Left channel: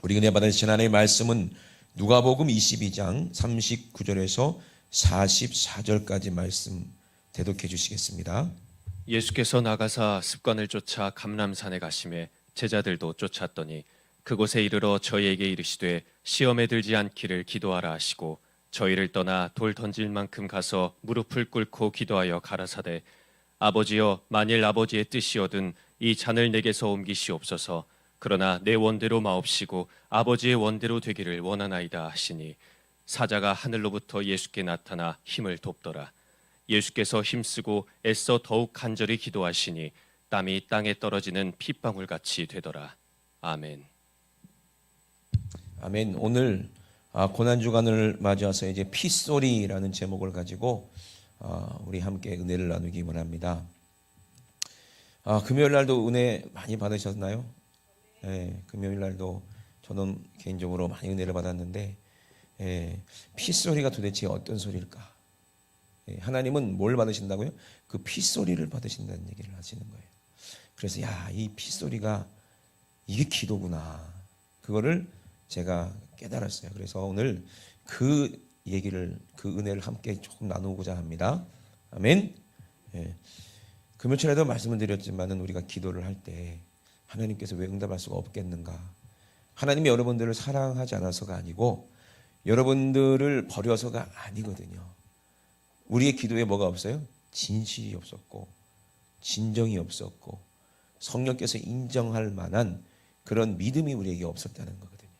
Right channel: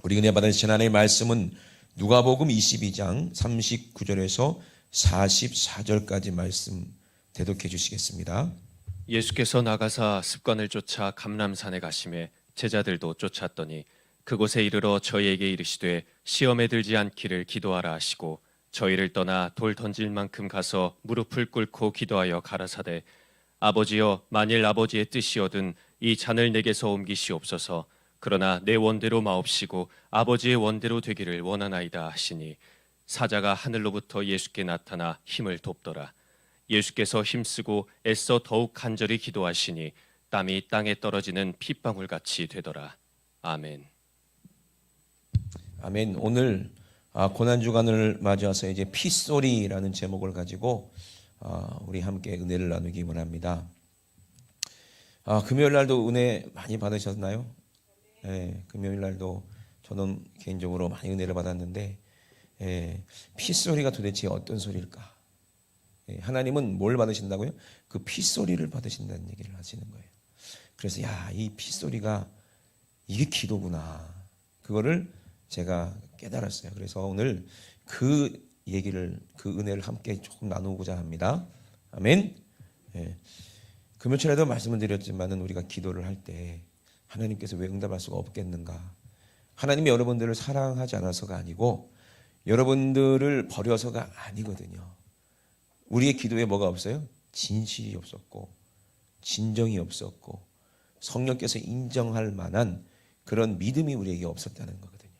우리 은혜 받으신 하나님의 말씀은 누가복음 22장 39절에서 44절까지 말씀 대독해 주시겠습니다. 예수께서 나가사 습관을 쫓아 감람산에 가심에 제자들도 쫓았더니 그곳에 이르러 저희에게 이르시되 시험에 들지 않기를 기도하라 하시고 저희를 떠나 돌 던질 만큼 가서 무릎을 꿇고 기도하여 가라사대 아버지여 만일 아버지의 뜻이거든 이 잔을 내게서 옮기시옵소서. 그러나 내 원대로 마옵시고 아버지의 원대로 되기를 원하나이다 하시니 사자가 하늘로부터 예수께 나타나 힘을 돕더라. 예수께서 힘쓰고 애써 더욱 간절히 기도하시니 땀이 땅에 떨어지는 핏방울같이 되더라. 아멘. 아멘. 오늘 고난주간을 맞이해서 이제 핏소리라는 제목을 가지고 우리 함께 은혜를 나누기 원합니다. 금요일 날도 은혜 많이 받으셨나요? 네, 금요일 날도 저는 개인적으로 많이 은혜를 받았는데 핏소리가 도대체 어떤 소리일까? 하나님은 뭘 받으신다고요? 그 핏소리를 받으신다는 얘기를 하시는 거예요. 그래서 이 핏소리가 이게 기도구나. 그거를 제가 깨달았어요. 그래서 오늘 그 얘기를, 그 은혜를 함께 조금 나누고자 합니다. 아멘. 금요일 전에도 말씀을 드렸지만은 우리가 기도를 할 때 하나님께서 왜 응답할 수가 없겠는가? 하나님이 여러분들을 사랑하지 않아서가 아니고 여러분들을 버려서가 아니거든요. 우리의 기도에 뭐가 없어요? 진실이 없었고 진정이 없었고 성령께서 인정할 만한 그런 믿음이 우리에게 없었다는 거거든요.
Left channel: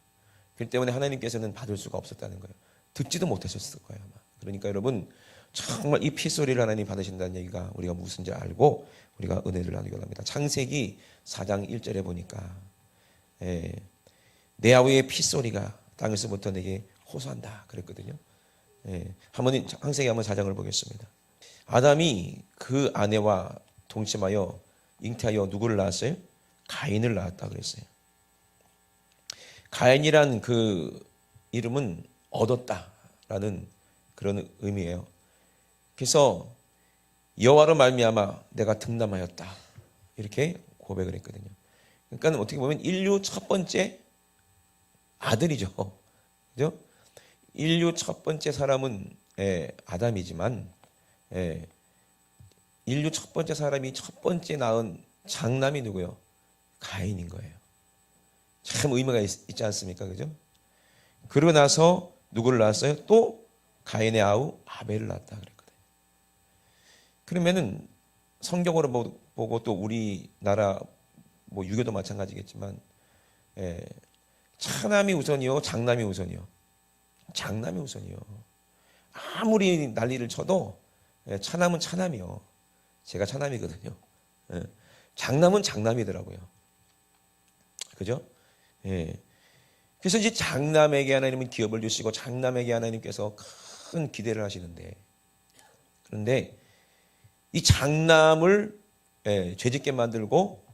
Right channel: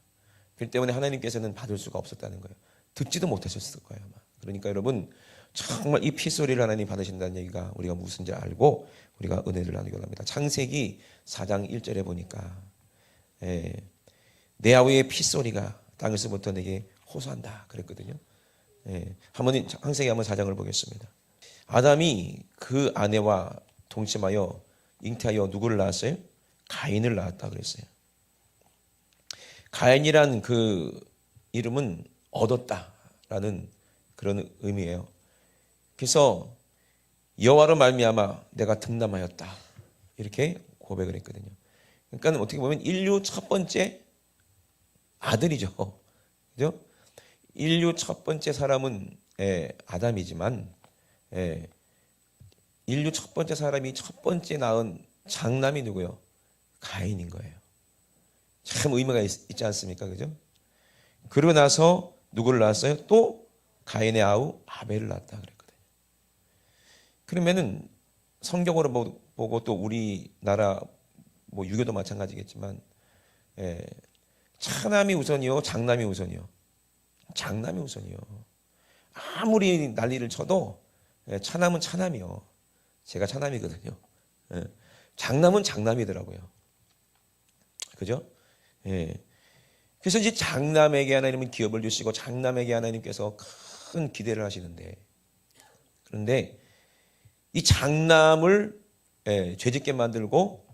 그렇기 때문에 하나님께서는 받을 수가 없었다는 거예요. 듣지도 못하셨을 거예요 아마. 그러니까 여러분 정말 이 핏소리를 하나님 받으신다는 얘기가 우리가 무슨지 알고 우리가 은혜를 나누기 원합니다. 창세기 4장 1절에 보니까 내 아우의 핏소리가 땅에서부터 내게 호소한다 그랬거든요. 한번 창세기 한번 4장을 보겠습니다. 아담이 그 아내와 동침하여 잉태하여 누구를 낳았어요? 가인을 낳았다 그랬어요. 가인이란 그 이름은 얻었다라는 그런 의미예요. 그래서 여호와로 말미암아 내가 득남하였다 이렇게 고백을 했거든요. 그러니까 어떻게 보면 인류 첫 번째 아들이죠. 그죠? 인류 첫 번째 사람은 아담이지만 인류 첫 번째 사람이 첫 번째 낳은 장남이 누구요? 가인인 거예요. 참 의미가 있지 않습니까? 그죠? 그러고 나서 누구를 낳았어요? 또 가인의 아우 아벨을 낳았다 그랬거든요. 그러면은 성경으로 보고 또 우리나라 유교도 마찬가지겠지만 차남이 우선이요, 장남이 우선이요. 장남이 우선이요. 아무리 난리를 쳐도 차남은 차남이요. 제가 차남이거든요. 장남은 장남이더라고요. 그죠? 그래서 이제 장남에게 하나님은 기업을 주시고 장남에게 하나님께서 큰 기대를 하시는데, 그런데 이 장남을 죄짓게 만들고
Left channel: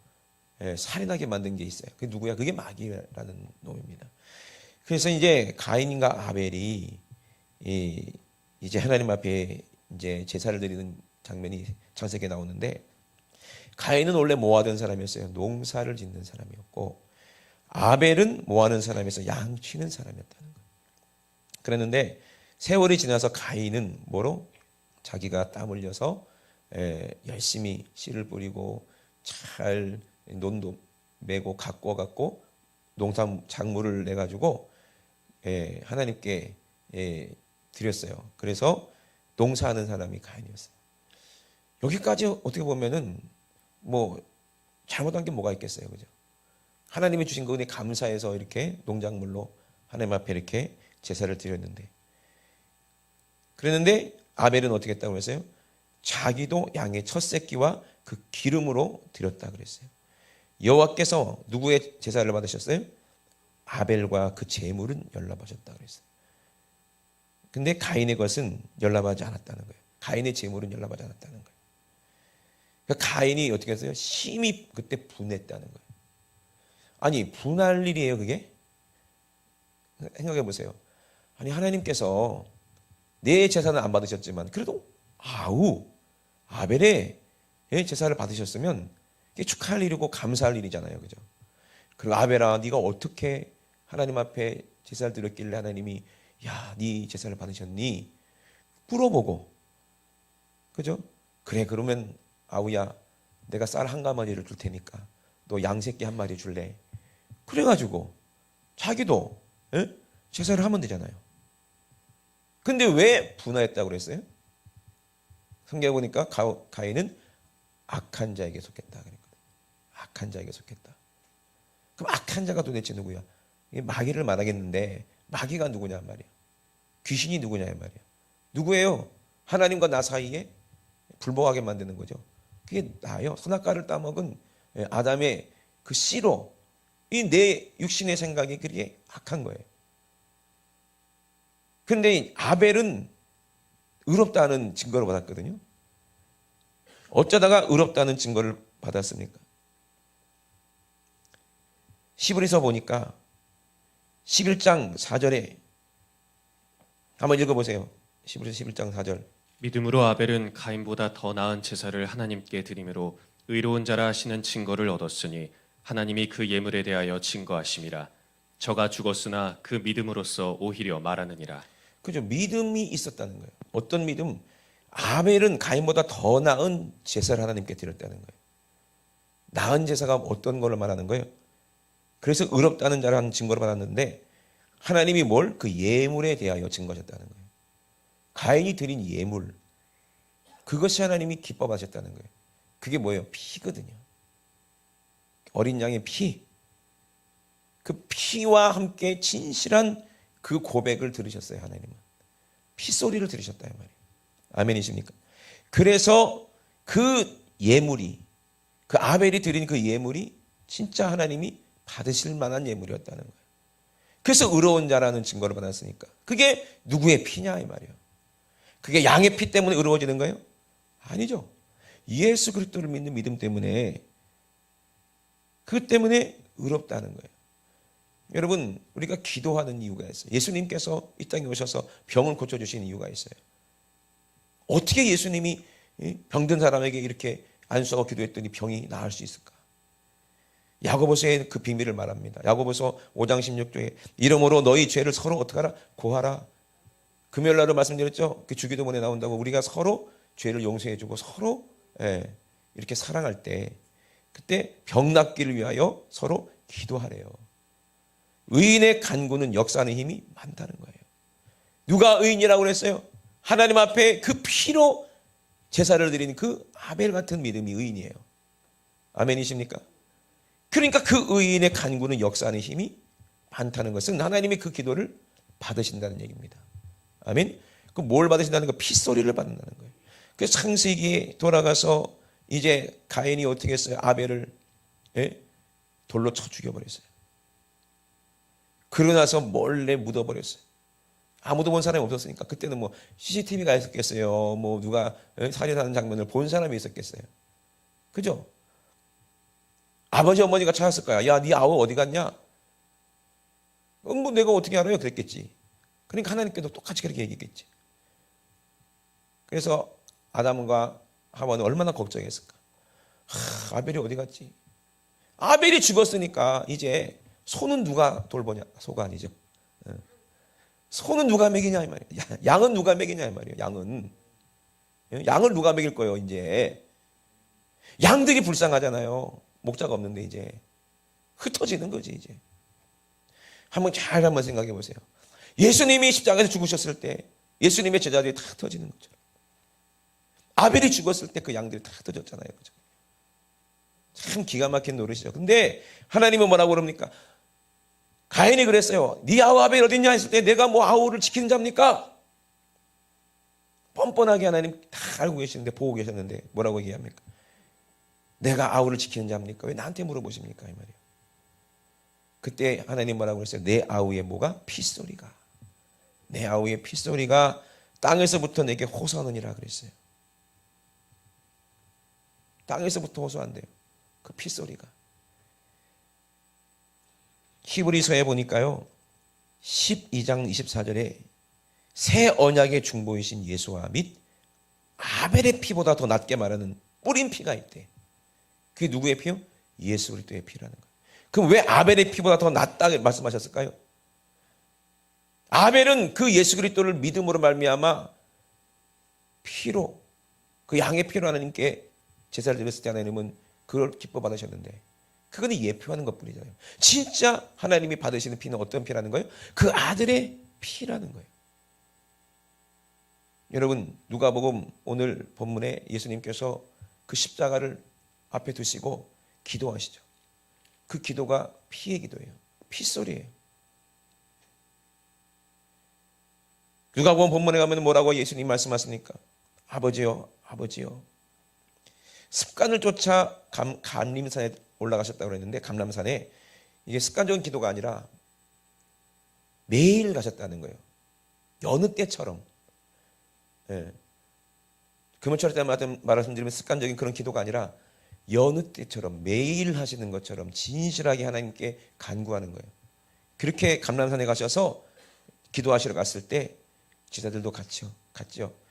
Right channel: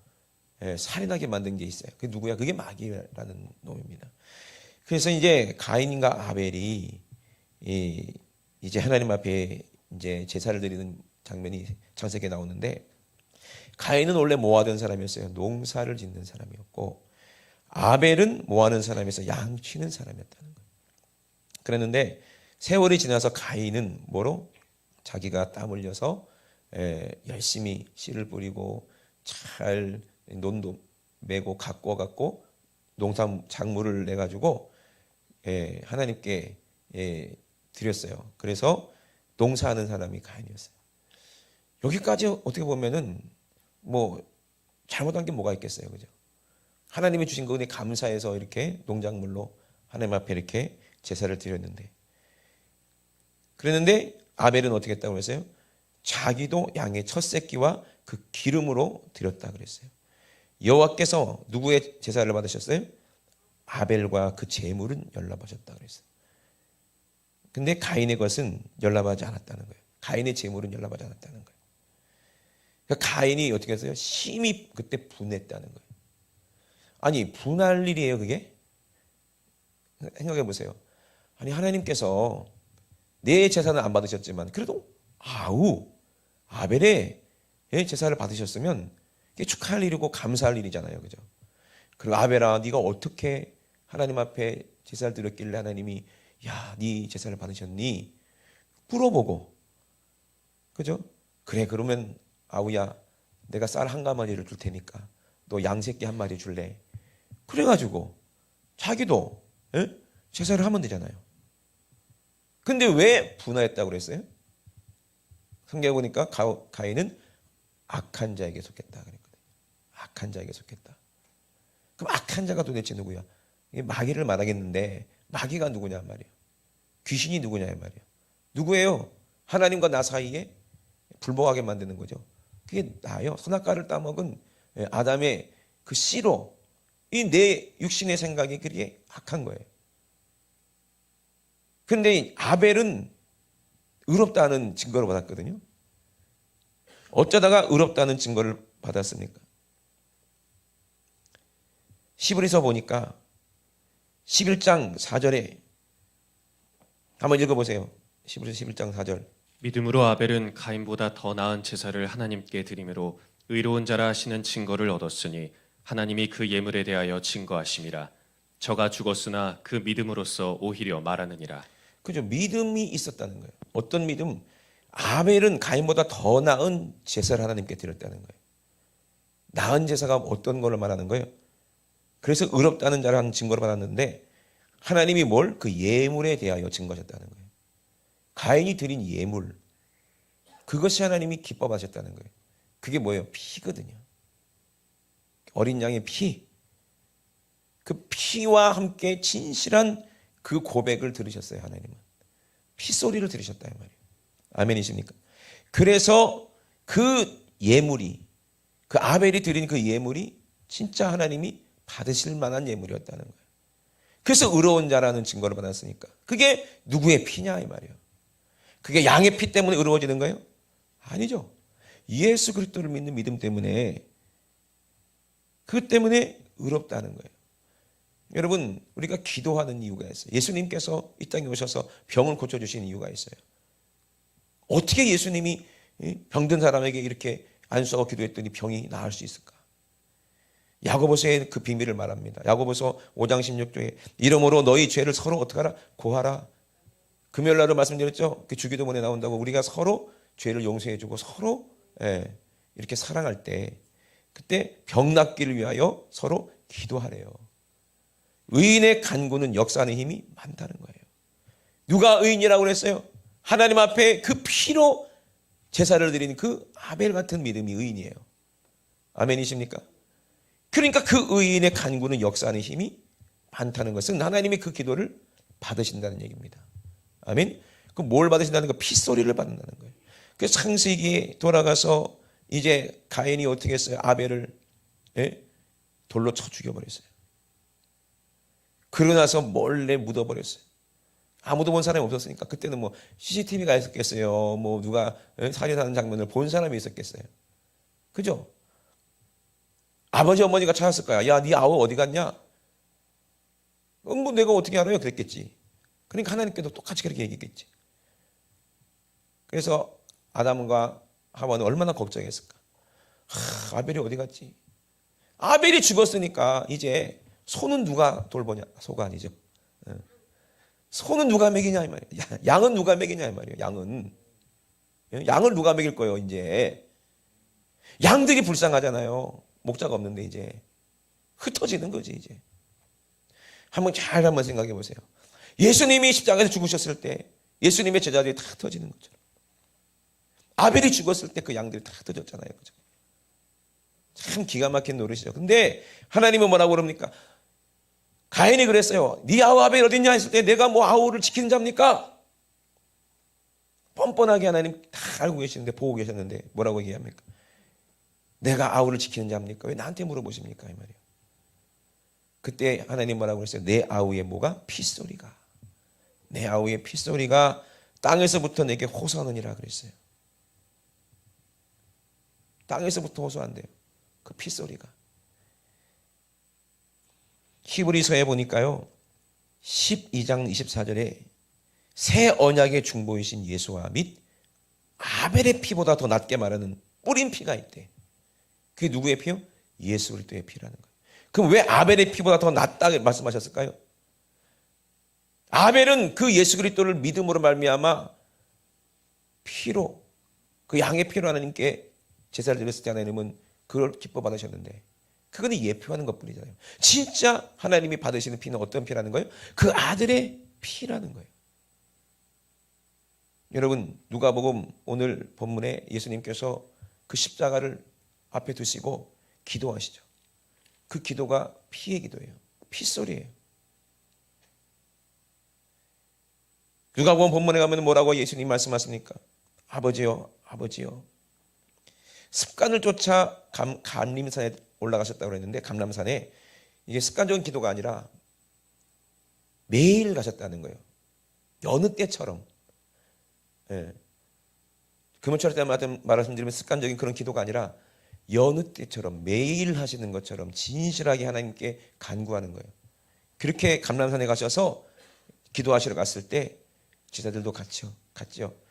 살인하게 만든 게 있어요. 그게 누구야? 그게 마귀라는 놈입니다. 그래서 이제 가인과 아벨이 이제 하나님 앞에 이제 제사를 드리는 장면이 창세기에 나오는데, 가인은 원래 모아둔 사람이었어요. 농사를 짓는 사람이었고, 아벨은 모아는 사람에서 양치는 사람이었다는 거예요. 그랬는데 세월이 지나서 가인은 뭐로? 자기가 땀 흘려서 열심히 씨를 뿌리고 잘 논도 메고 가꿔갖고 농산 작물을 내가지고 하나님께 드렸어요. 그래서 농사하는 사람이 가인이었어요. 여기까지 어떻게 보면은 잘못한 게 뭐가 있겠어요, 그죠? 하나님이 주신 그 은혜 감사해서 이렇게 농작물로 하나님 앞에 이렇게 제사를 드렸는데, 그랬는데 아벨은 어떻게 했다고 그랬어요? 자기도 양의 첫 새끼와 그 기름으로 드렸다 그랬어요. 여호와께서 누구의 제사를 받으셨어요? 아벨과 그 제물은 연락하셨다 그랬어요. 근데 가인의 것은 연락하지 않았다는 거예요. 가인의 제물은 연락하지 않았다는 거예요. 그러니까 가인이 어떻게 했어요? 심히 그때 분했다는 거예요. 아니, 분할 일이에요, 그게? 생각해 보세요. 아니, 하나님께서 내 제사는 안 받으셨지만 그래도 아벨의 제사를 받으셨으면 이게 축하할 일이고 감사할 일이잖아요, 그죠? 그리고 아벨아, 네가 어떻게 하나님 앞에 제사를 드렸길래 하나님이 야, 네 제사를 받으셨니? 물어보고, 그죠? 그래, 그러면 아우야, 내가 쌀 한 가마리를 줄 테니까 너 양새끼 한 마리 줄래? 그래가지고 자기도 제사를 하면 되잖아요. 근데 왜 분화했다고 그랬어요? 성경에 보니까 가인은 악한 자에게 속했다 그랬거든요. 악한 자에게 속했다. 그럼 악한 자가 도대체 누구야? 마귀를 말하겠는데 마귀가 누구냐 말이야. 귀신이 누구냐 말이야. 누구예요? 하나님과 나 사이에 불복하게 만드는 거죠. 그게 나요. 선악과를 따먹은 아담의 그 씨로 이 내 육신의 생각이 그렇게 악한 거예요. 그런데 아벨은 의롭다는 증거를 받았거든요. 어쩌다가 의롭다는 증거를 받았습니까? 시브리서 보니까 11장 4절에 한번 읽어보세요. 시브리서 11장 4절. 믿음으로 아벨은 가인보다 더 나은 제사를 하나님께 드림으로 의로운 자라 하시는 증거를 얻었으니 하나님이 그 예물에 대하여 증거하심이라. 저가 죽었으나 그 믿음으로써 오히려 말하느니라. 그죠? 믿음이 있었다는 거예요. 어떤 믿음? 아벨은 가인보다 더 나은 제사를 하나님께 드렸다는 거예요. 나은 제사가 어떤 걸 말하는 거예요? 그래서 의롭다는 자랑 증거를 받았는데 하나님이 뭘? 그 예물에 대하여 증거하셨다는 거예요. 가인이 드린 예물, 그것이 하나님이 기뻐하셨다는 거예요. 그게 뭐예요? 피거든요. 어린 양의 피. 그 피와 함께 진실한 그 고백을 들으셨어요. 하나님은 피소리를 들으셨다 이 말이에요. 아멘이십니까? 그래서 그 예물이, 그 아벨이 드린 그 예물이 진짜 하나님이 받으실 만한 예물이었다는 거예요. 그래서 의로운 자라는 증거를 받았으니까. 그게 누구의 피냐 이 말이에요. 그게 양의 피 때문에 의로워지는 거예요? 아니죠. 예수 그리스도를 믿는 믿음 때문에, 그 때문에 의롭다는 거예요. 여러분, 우리가 기도하는 이유가 있어요. 예수님께서 이 땅에 오셔서 병을 고쳐주신 이유가 있어요. 어떻게 예수님이 병든 사람에게 이렇게 안수하고 기도했더니 병이 나을 수 있을까? 야고보서에 그 비밀을 말합니다. 야고보서 5장 16절에 이러므로 너희 죄를 서로 어떻게 하라? 고하라. 금요일날로 말씀드렸죠. 그 주기도문에 나온다고 우리가 서로 죄를 용서해주고 서로 이렇게 사랑할 때 그때 병 낫기를 위하여 서로 기도하래요. 의인의 간구는 역사하는 힘이 많다는 거예요. 누가 의인이라고 그랬어요? 하나님 앞에 그 피로 제사를 드린 그 아벨 같은 믿음이 의인이에요. 아멘이십니까? 그러니까 그 의인의 간구는 역사하는 힘이 많다는 것은 하나님이 그 기도를 받으신다는 얘기입니다. 아멘? 그 뭘 받으신다는 거? 핏소리를 받는다는 거예요. 그 창세기에 돌아가서 이제 가인이 어떻게 했어요? 아벨을 돌로 쳐 죽여버렸어요. 그러고 나서 몰래 묻어버렸어요. 아무도 본 사람이 없었으니까. 그때는 뭐 CCTV가 있었겠어요. 뭐 누가 살인하는 장면을 본 사람이 있었겠어요. 그죠? 아버지 어머니가 찾았을 거야. 야, 네 아우 어디 갔냐? 뭐 내가 어떻게 알아요? 그랬겠지. 그러니까 하나님께도 똑같이 그렇게 얘기했겠지. 그래서 아담과 하와는 얼마나 걱정했을까? 아벨이 어디 갔지? 아벨이 죽었으니까 이제 소는 누가 돌보냐? 소가 아니죠. 소는 누가 먹이냐 이 말이에요. 양은 누가 먹이냐 이 말이에요. 양을 누가 먹일 거예요? 이제 양들이 불쌍하잖아요. 목자가 없는데 이제 흩어지는 거지 이제. 한번 생각해 보세요. 예수님이 십자가에서 죽으셨을 때 예수님의 제자들이 다 흩어지는 것처럼 아벨이 죽었을 때 그 양들이 다 흩어졌잖아요. 그죠? 참 기가 막힌 노릇이죠. 근데 하나님은 뭐라고 그럽니까? 가인이 그랬어요. 네 아우 아벨 어딨냐 했을 때 내가 뭐 아우를 지키는 자입니까? 뻔뻔하게 하나님 다 알고 계시는데 보고 계셨는데 뭐라고 얘기합니까? 내가 아우를 지키는 자입니까? 왜 나한테 물어보십니까? 이 말이에요. 그때 하나님 뭐라고 그랬어요? 내 아우의 뭐가? 핏소리가. 내 아우의 핏소리가 땅에서부터 내게 호소하느니라 그랬어요. 땅에서부터 호소한대요. 그 핏소리가. 히브리서에 보니까요. 12장 24절에 새 언약의 중보이신 예수와 및 아벨의 피보다 더 낫게 말하는 뿌린 피가 있대. 그게 누구의 피요? 예수 그리스도의 피라는 거예요. 그럼 왜 아벨의 피보다 더 낫다 말씀하셨을까요? 아벨은 그 예수 그리스도를 믿음으로 말미암아 피로, 그 양의 피로 하나님께 제사를 드렸을 때 하나님은 그걸 기뻐 받으셨는데, 그건 예표하는 것뿐이잖아요. 진짜 하나님이 받으시는 피는 어떤 피라는 거예요? 그 아들의 피라는 거예요. 여러분, 누가복음 오늘 본문에 예수님께서 그 십자가를 앞에 두시고 기도하시죠. 그 기도가 피의 기도예요. 핏소리예요. 누가복음 본문에 가면 뭐라고 예수님 말씀하십니까? 아버지요, 아버지요. 습관을 쫓아 감림산에 올라가셨다고 그랬는데, 감람산에 이게 습관적인 기도가 아니라 매일 가셨다는 거예요. 여느 때처럼. 예. 금요철 때마다 말씀드리면 습관적인 그런 기도가 아니라 여느 때처럼 매일 하시는 것처럼 진실하게 하나님께 간구하는 거예요. 그렇게 감람산에 가셔서 기도하시러 갔을 때 제자들도 갔죠.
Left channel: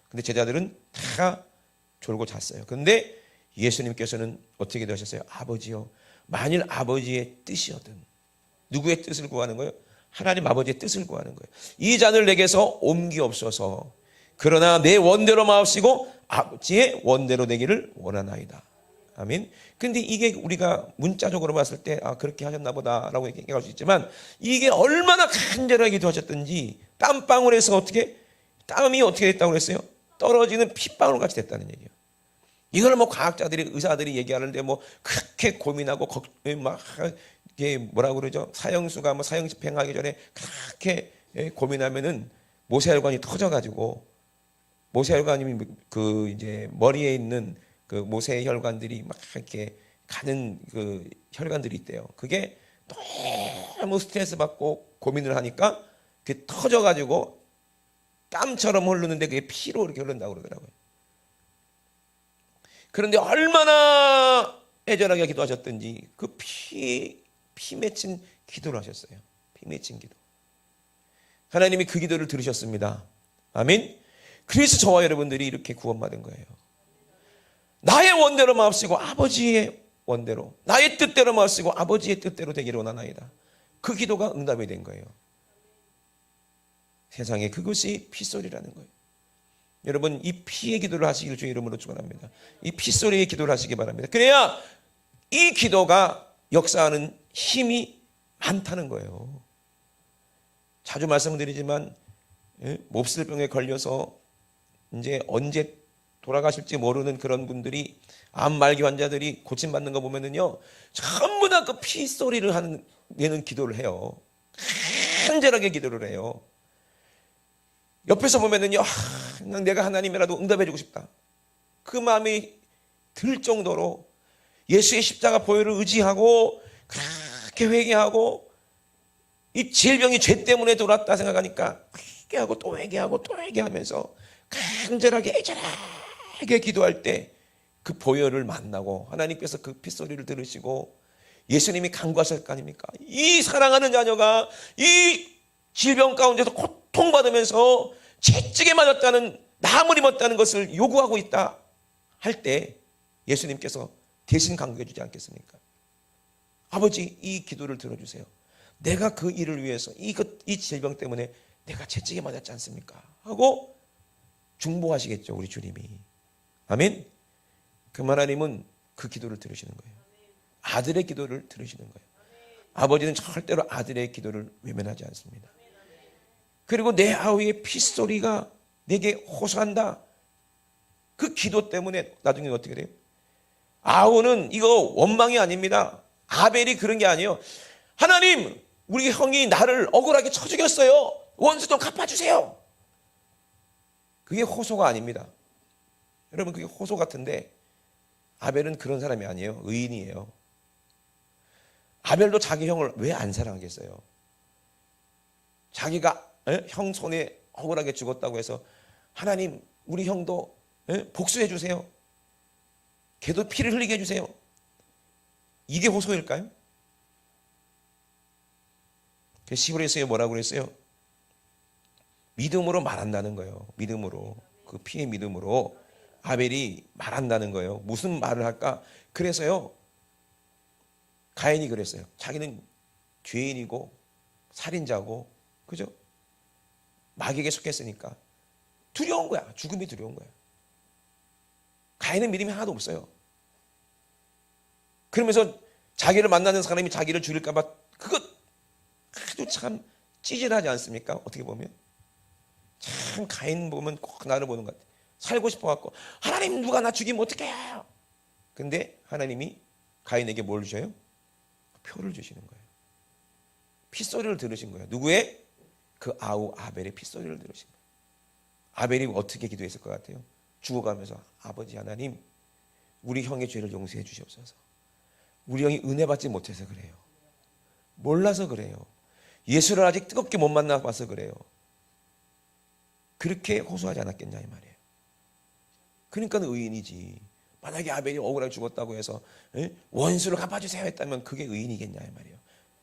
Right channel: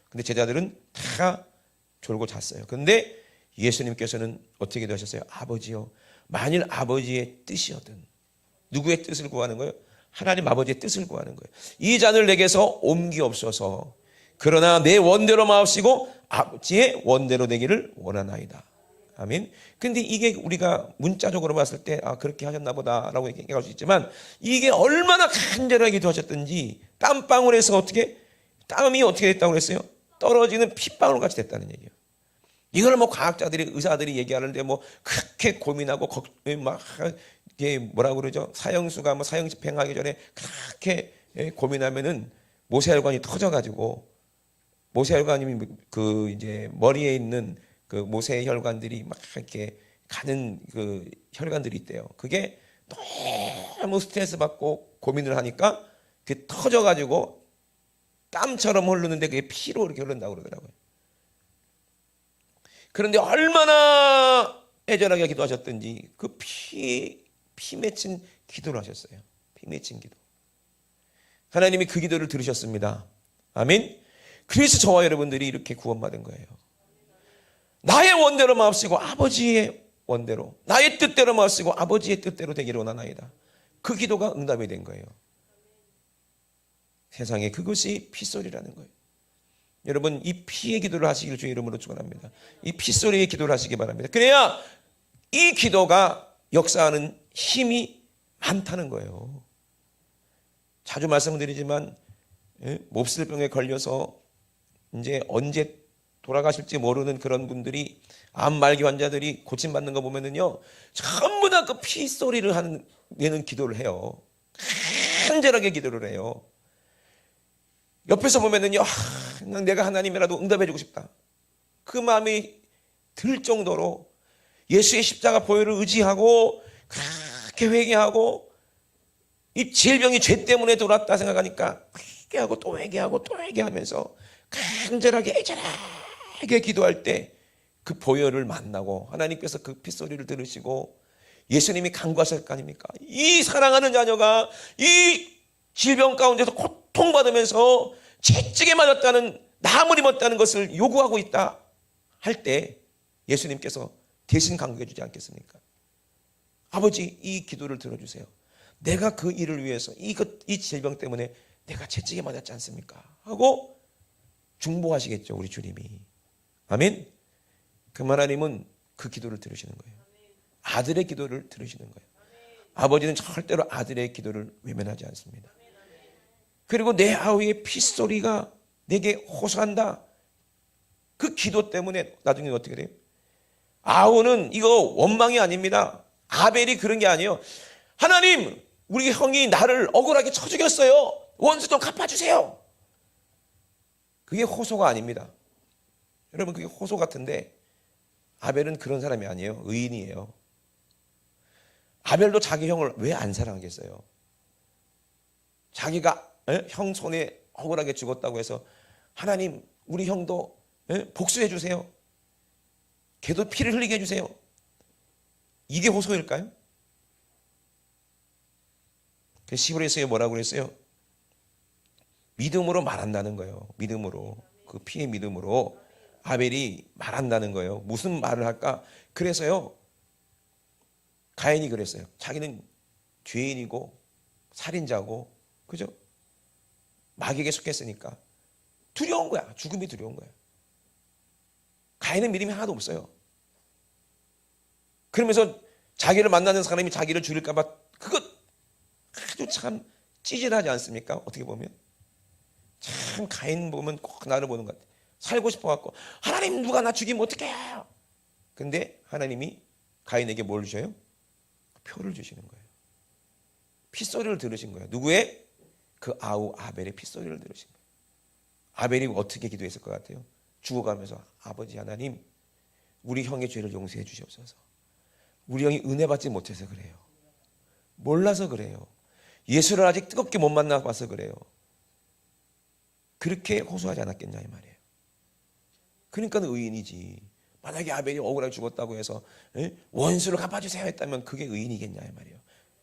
근데 제자들은 다 졸고 잤어요. 근데 예수님께서는 어떻게 기도하셨어요? 아버지요, 만일 아버지의 뜻이거든. 누구의 뜻을 구하는 거예요? 하나님 아버지의 뜻을 구하는 거예요. 이 잔을 내게서 옮기옵소서. 그러나 내 원대로 마옵시고 아버지의 원대로 되기를 원하나이다. 아멘. 근데 이게 우리가 문자적으로 봤을 때 그렇게 하셨나 보다라고 얘기할 수 있지만, 이게 얼마나 간절하게 기도하셨던지 땀방울에서 땀이 어떻게 됐다고 그랬어요? 떨어지는 핏방울 같이 됐다는 얘기예요. 이걸 과학자들이, 의사들이 얘기하는데 그렇게 고민하고 막 이게 뭐라고 그러죠? 사형수가 사형 집행하기 전에 그렇게 고민하면은 모세혈관이 터져가지고, 모세혈관이 그 이제 머리에 있는 그 모세의 혈관들이 막 이렇게 가는 그 혈관들이 있대요. 그게 너무 스트레스 받고 고민을 하니까 그게 터져가지고 땀처럼 흐르는데 그게 피로 이렇게 흐른다고 그러더라고요. 그런데 얼마나 애절하게 기도하셨던지 그 피 맺힌 기도를 하셨어요. 피 맺힌 기도. 하나님이 그 기도를 들으셨습니다. 아멘. 그래서 저와 여러분들이 이렇게 구원받은 거예요. 나의 원대로 마옵시고 아버지의 원대로, 나의 뜻대로 마옵시고 아버지의 뜻대로 되기를 원하나이다. 그 기도가 응답이 된 거예요. 세상에 그것이 핏소리라는 거예요. 여러분, 이 피의 기도를 하시길 주의 이름으로 축원합니다. 이 핏소리의 기도를 하시기 바랍니다. 그래야 이 기도가 역사하는 힘이 많다는 거예요. 자주 말씀드리지만 몹쓸병에 걸려서 이제 언제 돌아가실지 모르는 그런 분들이, 암 말기 환자들이 고침받는 거 보면은요, 전부 다 그 핏소리를 내는 기도를 해요. 간절하게 기도를 해요. 옆에서 보면은요, 내가 하나님이라도 응답해주고 싶다. 그 마음이 들 정도로 예수의 십자가 보혈을 의지하고 그렇게 회개하고, 이 질병이 죄 때문에 돌았다 생각하니까 회개하고 또 회개하고 또 회개하면서 간절하게 애절하게 기도할 때 그 보혈을 만나고 하나님께서 그 핏소리를 들으시고 예수님이 간구하실 거 아닙니까? 이 사랑하는 자녀가 이 질병 가운데서 고통받으면서 채찍에 맞았다는, 나무를 입었다는 것을 요구하고 있다 할 때 예수님께서 대신 간구해 주지 않겠습니까? 아버지, 이 기도를 들어주세요. 내가 그 일을 위해서 이 질병 때문에 내가 채찍에 맞았지 않습니까? 하고 중보하시겠죠, 우리 주님이. 아멘. 그 하나님은 그 기도를 들으시는 거예요. 아들의 기도를 들으시는 거예요. 아버지는 절대로 아들의 기도를 외면하지 않습니다. 그리고 내 아우의 핏소리가 내게 호소한다. 그 기도 때문에 나중에 어떻게 돼요? 아우는 이거 원망이 아닙니다. 아벨이 그런 게 아니에요. 하나님, 우리 형이 나를 억울하게 쳐 죽였어요. 원수 좀 갚아주세요. 그게 호소가 아닙니다. 여러분, 그게 호소 같은데 아벨은 그런 사람이 아니에요. 의인이에요. 아벨도 자기 형을 왜 안 사랑하겠어요? 자기가 형 손에 억울하게 죽었다고 해서 하나님, 우리 형도 복수해 주세요. 걔도 피를 흘리게 해주세요. 이게 호소일까요? 시브레스에 뭐라고 그랬어요? 믿음으로 말한다는 거예요. 믿음으로, 그 피의 믿음으로 아벨이 말한다는 거예요. 무슨 말을 할까? 그래서요, 가인이 그랬어요. 자기는 죄인이고 살인자고, 그죠? 마귀에게 속했으니까 두려운 거야. 죽음이 두려운 거야. 가인은 믿음이 하나도 없어요. 그러면서 자기를 만나는 사람이 자기를 죽일까 봐 그거 아주 참 찌질하지 않습니까? 어떻게 보면 참 가인 보면 꼭 나를 보는 것 같아. 살고 싶어 갖고 하나님 누가 나 죽이면 어떡해요? 근데 하나님이 가인에게 뭘 주셔요? 표를 주시는 거예요. 핏소리를 들으신 거예요. 누구의? 그 아우 아벨의 핏소리를 들으신 거예요. 아벨이 어떻게 기도했을 것 같아요? 죽어가면서 아버지 하나님 우리 형의 죄를 용서해 주시옵소서. 우리 형이 은혜 받지 못해서 그래요. 몰라서 그래요. 예수를 아직 뜨겁게 못 만나봐서 그래요. 그렇게 호소하지 않았겠냐 이 말이에요. 그러니까 의인이지. 만약에 아벨이 억울하게 죽었다고 해서 원수를 갚아주세요 했다면 그게 의인이겠냐 이 말이에요.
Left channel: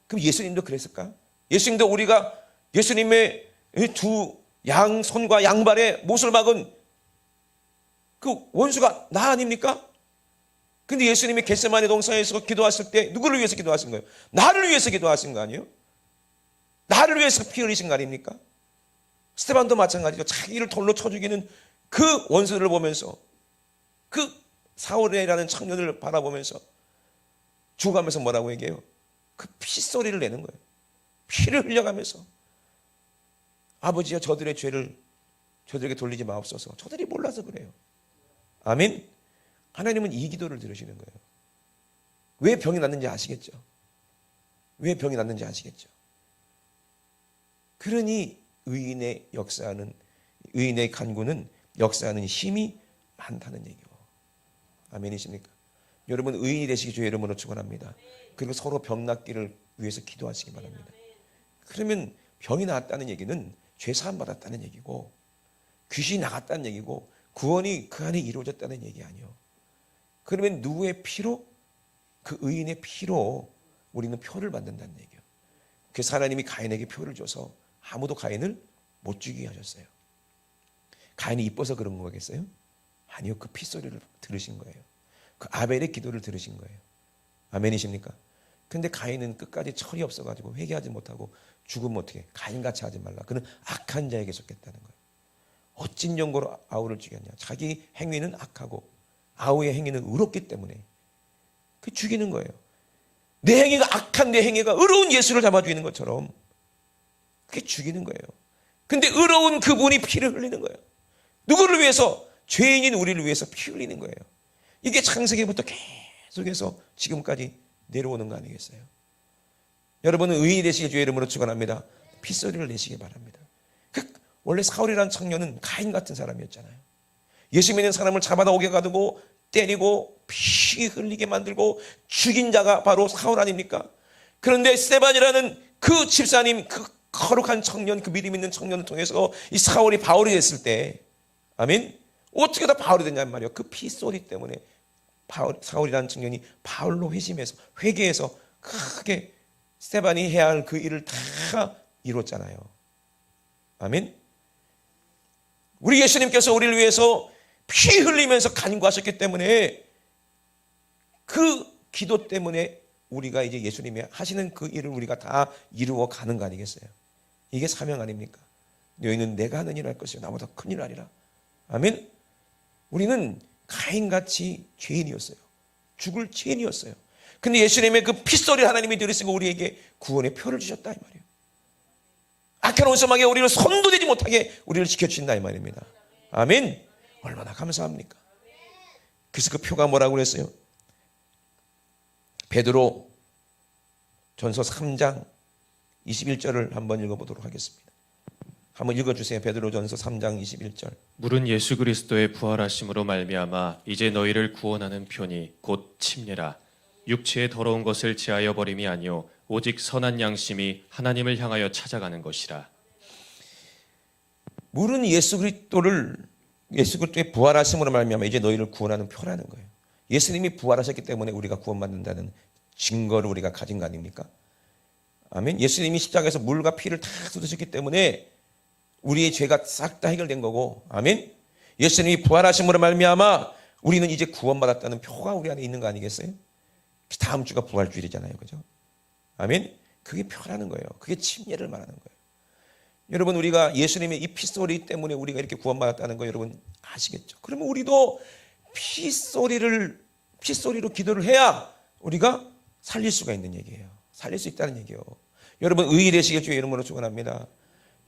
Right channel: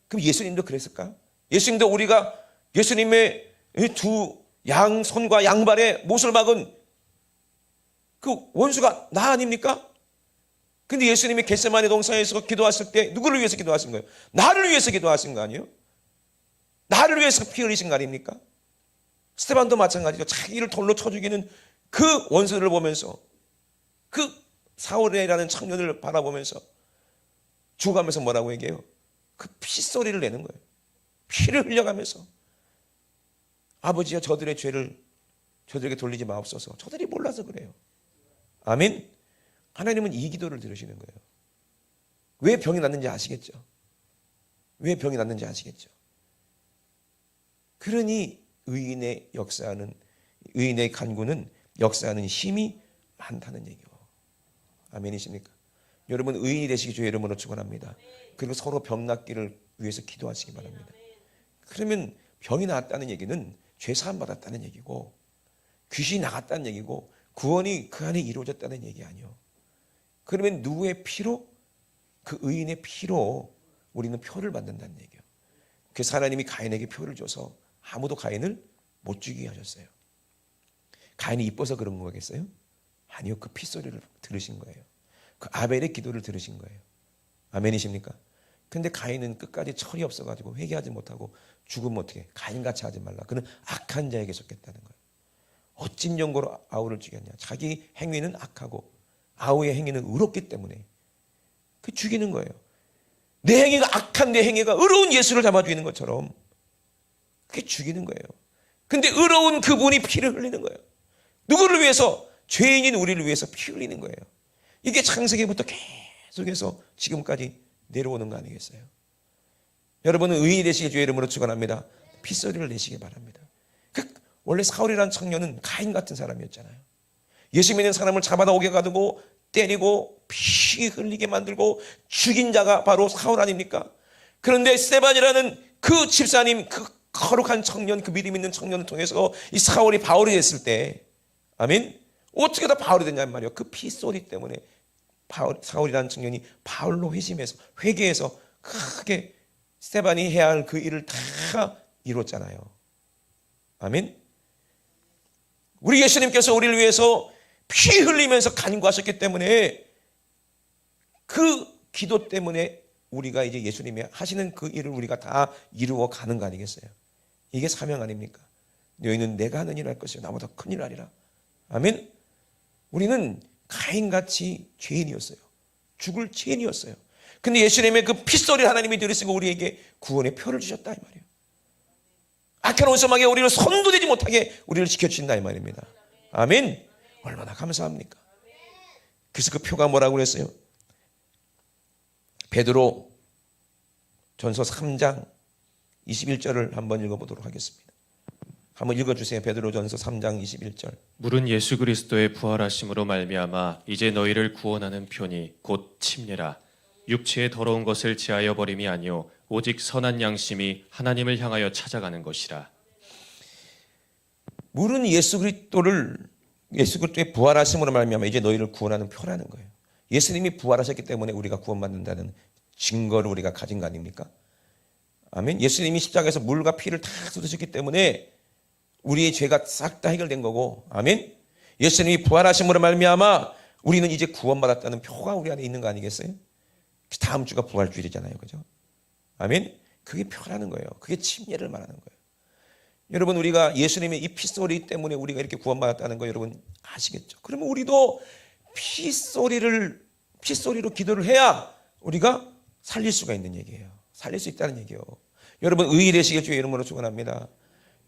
그럼 예수님도 그랬을까? 예수님도 우리가 예수님의 두 양손과 양발에 못을 박은 그 원수가 나 아닙니까? 근데 예수님이 겟세마네 동산에서 기도하실 때 누구를 위해서 기도하신 거예요? 나를 위해서 기도하신 거 아니에요? 나를 위해서 피 흘리신 거 아닙니까? 스테반도 마찬가지죠. 자기를 돌로 쳐 죽이는 그 원수를 보면서 그 사울이라는 청년을 바라보면서 죽어가면서 뭐라고 얘기해요? 그 피소리를 내는 거예요. 피를 흘려가면서 아버지여 저들의 죄를 저들에게 돌리지 마옵소서. 저들이 몰라서 그래요. 아멘. 하나님은 이 기도를 들으시는 거예요. 왜 병이 났는지 아시겠죠? 왜 병이 났는지 아시겠죠? 그러니 의인의 간구는 역사하는 힘이 많다는 얘기예요. 아멘이십니까? 여러분 의인이 되시기 주의 이름으로 축원합니다. 그리고 서로 병 낫기를 위해서 기도하시기 바랍니다. 그러면 병이 나았다는 얘기는 죄 사함 받았다는 얘기고 귀신이 나갔다는 얘기고 구원이 그 안에 이루어졌다는 얘기 아니에요. 그러면 누구의 피로? 그 의인의 피로 우리는 표를 받는다는 얘기예요. 그래서 하나님이 가인에게 표를 줘서 아무도 가인을 못 죽이게 하셨어요. 가인이 이뻐서 그런 거겠어요? 아니요. 그 핏소리를 들으신 거예요. 그 아벨의 기도를 들으신 거예요. 아멘이십니까? 근데 가인은 끝까지 철이 없어가지고 회개하지 못하고 죽으면 어떻게? 가인같이 하지 말라. 그는 악한 자에게 속했다는 거예요. 어찐 연고로 아우를 죽였냐? 자기 행위는 악하고 아우의 행위는 의롭기 때문에 그 죽이는 거예요. 내 행위가 악한 내 행위가 의로운 예수를 잡아 죽이는 것처럼 그게 죽이는 거예요. 근데 의로운 그분이 피를 흘리는 거예요. 누구를 위해서? 죄인인 우리를 위해서 피 흘리는 거예요. 이게 창세기부터 계속해서 지금까지 내려오는 거 아니겠어요? 여러분은 의인이 되시기 주의 이름으로 축원합니다. 핏소리를 내시기 바랍니다. 원래 사울이라는 청년은 가인 같은 사람이었잖아요. 예수 믿는 사람을 잡아다 오게 가두고 때리고 피 흘리게 만들고 죽인 자가 바로 사울 아닙니까? 그런데 스데반이라는 그 집사님, 그 거룩한 청년, 그 믿음 있는 청년을 통해서 이 사울이 바울이 됐을 때, 아멘? 어떻게 다 바울이 됐냐는 말이에요. 그 피소리 때문에 사울이라는 청년이 바울로 회개해서 크게 스데반이 해야 하는 그 일을 다 이뤘잖아요. 아멘? 우리 예수님께서 우리를 위해서 피 흘리면서 간구하셨기 때문에 그 기도 때문에 우리가 이제 예수님이 하시는 그 일을 우리가 다 이루어 가는 거 아니겠어요? 이게 사명 아닙니까? 너희는 내가 하는 일 할 것이요 나보다 큰 일 하리라. 아멘? 우리는 가인같이 죄인이었어요. 죽을 죄인이었어요. 근데 예수님의 그 핏소리 하나님이 들으시고 우리에게 구원의 표를 주셨다 이 말이에요. 악한 원수망에 우리를 손도 대지 못하게 우리를 지켜주신다 이 말입니다. 아멘. 얼마나 감사합니까? 그래서 그 표가 뭐라고 그랬어요? 베드로 전서 3장 21절을 한번 읽어보도록 하겠습니다. 한번 읽어주세요. 베드로 전서 3장 21절. 물은 예수 그리스도의 부활하심으로 말미암아 이제 너희를 구원하는 편이 곧 침례라. 육체의 더러운 것을 제하여 버림이 아니요 오직 선한 양심이 하나님을 향하여 찾아가는 것이라. 물은 예수 그리스도의 부활하심으로 말미암아 이제 너희를 구원하는 표라는 거예요. 예수님이 부활하셨기 때문에 우리가 구원받는다는 증거를 우리가 가진 거 아닙니까? 아멘. 예수님이 십자가에서 물과 피를 다 쏟으셨기 때문에 우리의 죄가 싹 다 해결된 거고, 아멘. 예수님이 부활하심으로 말미암아 우리는 이제 구원받았다는 표가 우리 안에 있는 거 아니겠어요? 다음 주가 부활주일이잖아요, 그죠? 아멘. 그게 표라는 거예요. 그게 침례를 말하는 거예요. 여러분, 우리가 예수님의 이 피소리 때문에 우리가 이렇게 구원받았다는 거 여러분 아시겠죠? 그러면 우리도 피소리로 기도를 해야 우리가 살릴 수가 있는 얘기예요. 살릴 수 있다는 얘기예요. 여러분, 의의 되시길 주의 이름으로 축원합니다.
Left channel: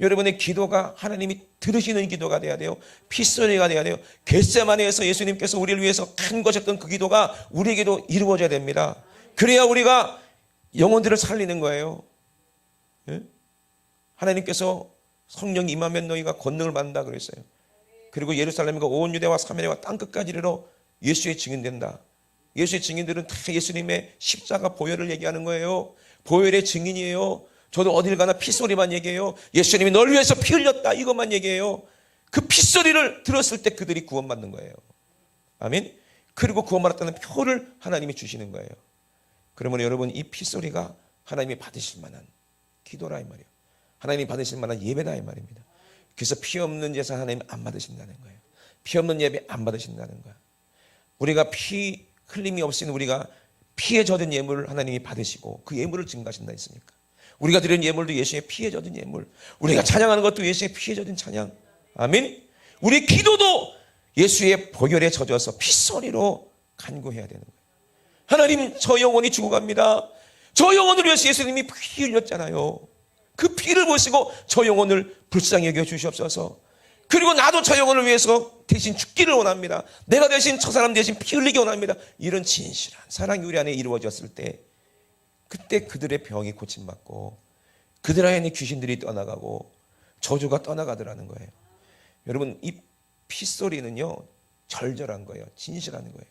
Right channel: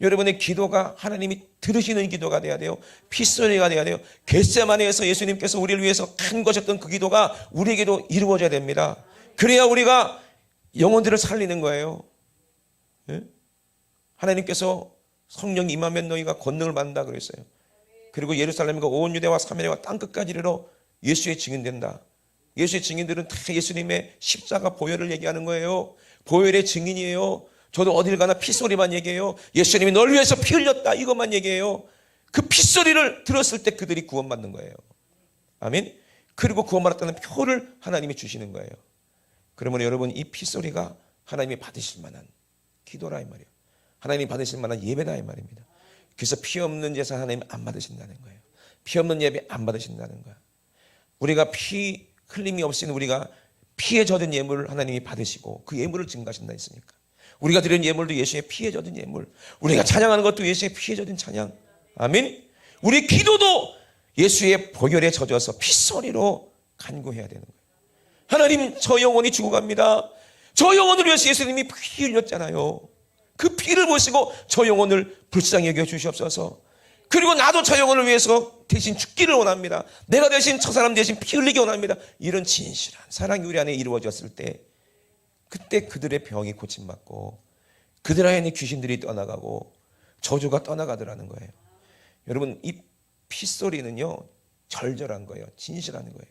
여러분의 기도가 하나님이 들으시는 기도가 돼야 돼요. 피소리가 돼야 돼요. 겟세마네에서 예수님께서 우리를 위해서 큰 것이었던 그 기도가 우리에게도 이루어져야 됩니다. 그래야 우리가 영혼들을 살리는 거예요. 예? 하나님께서 성령이 임하면 너희가 권능을 받는다 그랬어요. 그리고 예루살렘과 온 유대와 사마리아와 땅끝까지 이르러 예수의 증인된다. 예수의 증인들은 다 예수님의 십자가 보혈을 얘기하는 거예요. 보혈의 증인이에요. 저도 어딜 가나 피소리만 얘기해요. 예수님이 널 위해서 피 흘렸다, 이것만 얘기해요. 그 피소리를 들었을 때 그들이 구원받는 거예요. 아멘. 그리고 구원받았다는 표를 하나님이 주시는 거예요. 그러면 여러분, 이 피소리가 하나님이 받으실 만한 기도라 이 말이에요. 하나님이 받으실 만한 예배다 이 말입니다. 그래서 피 없는 제사 하나님 안 받으신다는 거예요. 피 없는 예배 안 받으신다는 거예요. 우리가 피 흘림이 없인 우리가 피에 젖은 예물을 하나님이 받으시고 그 예물을 증가하신다 했으니까, 우리가 드리는 예물도 예수의 피에 젖은 예물, 우리가 찬양하는 것도 예수의 피에 젖은 찬양. 아멘. 우리 기도도 예수의 보혈에 젖어서 핏소리로 간구해야 되는 거예요. 하나님, 저 영혼이 죽어갑니다. 저 영혼을 위해서 예수님이 피 흘렸잖아요. 그 피를 보시고 저 영혼을 불쌍히 여겨 주시옵소서. 그리고 나도 저 영혼을 위해서 대신 죽기를 원합니다. 내가 대신 저 사람 대신 피 흘리기 원합니다. 이런 진실한 사랑이 우리 안에 이루어졌을 때, 그때 그들의 병이 고침받고 그들 안에 귀신들이 떠나가고 저주가 떠나가더라는 거예요. 여러분, 이 피소리는요 절절한 거예요. 진실한 거예요.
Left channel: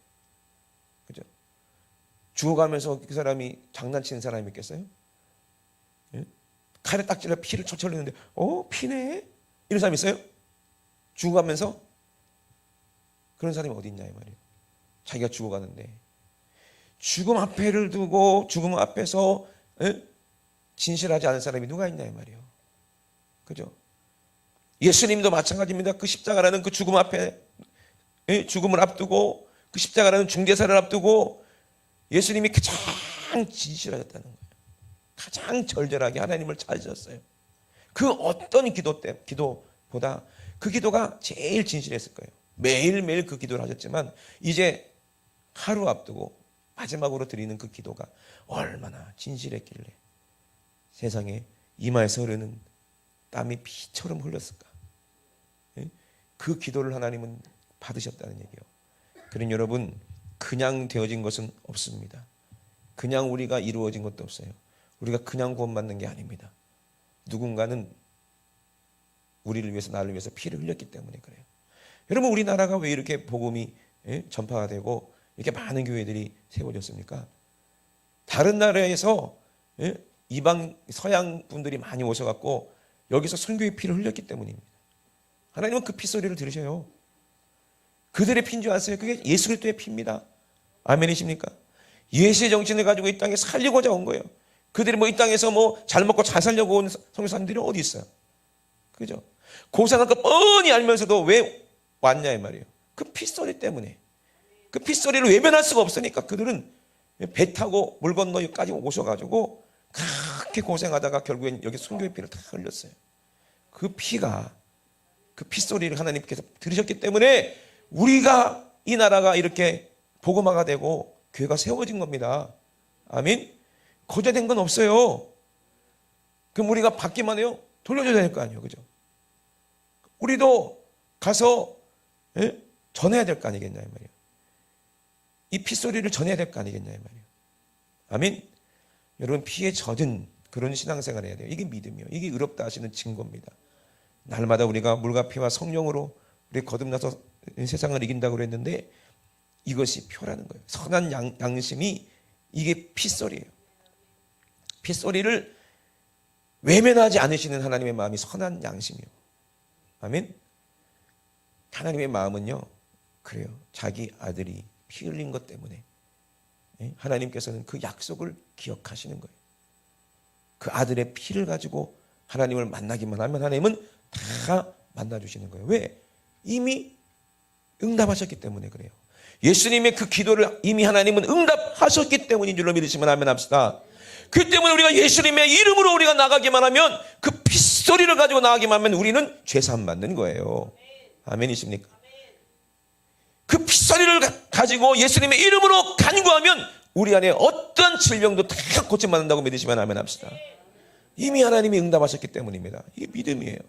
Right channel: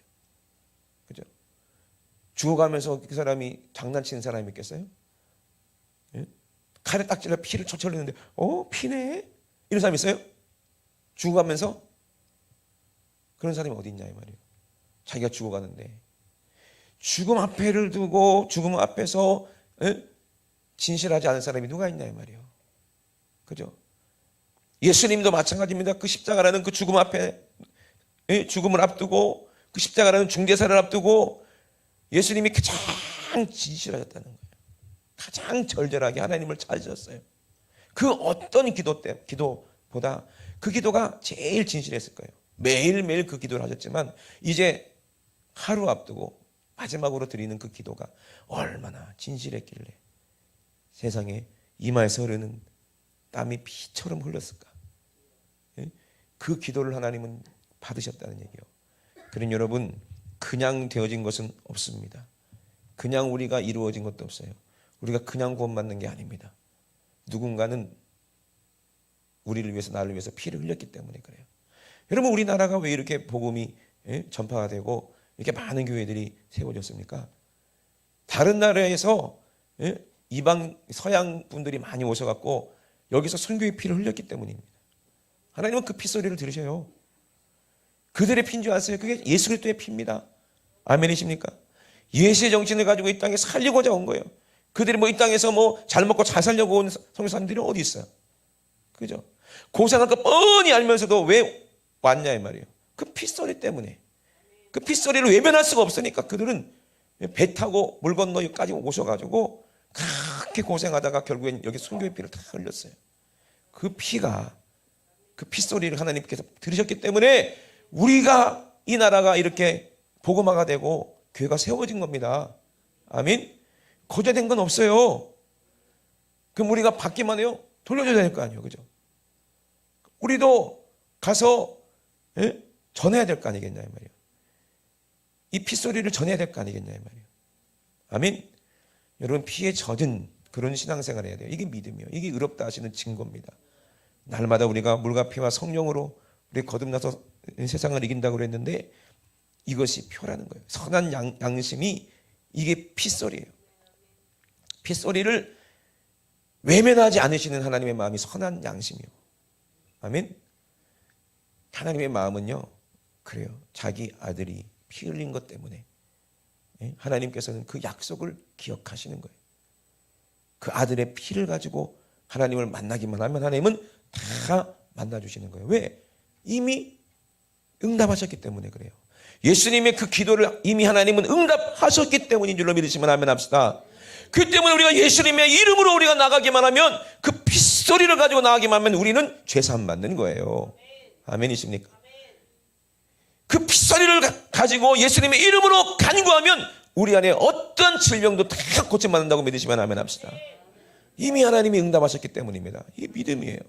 그죠? 죽어가면서 그 사람이 장난치는 사람이 있겠어요? 예? 칼에 딱지라 피를 철철 흘리는데 피네? 이런 사람 있어요? 죽어가면서? 그런 사람이 어디 있냐 이 말이에요. 자기가 죽어가는데 죽음 앞에를 두고 죽음 앞에서 진실하지 않은 사람이 누가 있냐 이 말이에요. 그죠? 예수님도 마찬가지입니다. 그 십자가라는 그 죽음 앞에, 죽음을 앞두고 그 십자가라는 중대사를 앞두고 예수님이 가장 진실하셨다는 거예요. 가장 절절하게 하나님을 찾으셨어요. 그 어떤 기도보다 그 기도가 제일 진실했을 거예요. 매일매일 그 기도를 하셨지만 이제 하루 앞두고 마지막으로 드리는 그 기도가 얼마나 진실했길래 세상에 이마에서 흐르는 땀이 피처럼 흘렸을까. 그 기도를 하나님은 받으셨다는 얘기예요. 그러니 여러분, 그냥 되어진 것은 없습니다. 그냥 우리가 이루어진 것도 없어요. 우리가 그냥 구원받는 게 아닙니다. 누군가는 우리를 위해서, 나를 위해서 피를 흘렸기 때문에 그래요. 여러분, 우리나라가 왜 이렇게 복음이 전파가 되고 이렇게 많은 교회들이 세워졌습니까? 다른 나라에서 이방 서양 분들이 많이 오셔갖고 여기서 선교의 피를 흘렸기 때문입니다. 하나님은 그 피소리를 들으셔요. 그들의 피인 줄 아세요? 그게 예수 그리스도의 피입니다. 아멘이십니까? 예수의 정신을 가지고 이 땅에 살리고자 온 거예요. 그들이 이 땅에서 잘 먹고 잘 살려고 온 선교사님들이 어디 있어요? 그죠? 고사는 거 뻔히 알면서도 왜 왔냐 이 말이에요. 그 피소리 때문에. 그 피소리를 외면할 수가 없으니까 그들은 배 타고 물 건너 여기까지 오셔가지고 그렇게 고생하다가 결국엔 여기 선교의 피를 다 흘렸어요. 그 피가, 그 피소리를 하나님께서 들으셨기 때문에 우리가, 이 나라가 이렇게 복음화가 되고 교회가 세워진 겁니다. 아멘. 거절된 건 없어요. 그럼 우리가 받기만 해요? 돌려줘야 될 거 아니에요. 그죠? 우리도 가서 전해야 될 거 아니겠냐 이 말이에요. 이 피소리를 전해야 될 거 아니겠냐 이 말이에요. 아멘. 여러분, 피에 젖은 그런 신앙생활을 해야 돼요. 이게 믿음이에요. 이게 의롭다 하시는 증거입니다. 날마다 우리가 물과 피와 성령으로 우리 거듭나서 세상을 이긴다고 그랬는데 이것이 표라는 거예요. 선한 양심이, 이게 피소리예요. 피소리를 외면하지 않으시는 하나님의 마음이 선한 양심이에요. 아멘. 하나님의 마음은요, 그래요. 자기 아들이 피 흘린 것 때문에 하나님께서는 그 약속을 기억하시는 거예요. 그 아들의 피를 가지고 하나님을 만나기만 하면 하나님은 다 만나주시는 거예요. 왜? 이미 응답하셨기 때문에 그래요. 예수님의 그 기도를 이미 하나님은 응답하셨기 때문인 줄로 믿으시면 아멘 합시다. 그 때문에 우리가 예수님의 이름으로 우리가 나가기만 하면 그 핏소리 핏소리를 가지고 나가기만 하면 우리는 죄사함 받는 거예요. 아멘이십니까? 그 핏소리를 가지고 예수님의 이름으로 간구하면 우리 안에 어떤 질병도 다 고침받는다고 믿으시면 아멘 합시다. 이미 하나님이 응답하셨기 때문입니다. 이게 믿음이에요.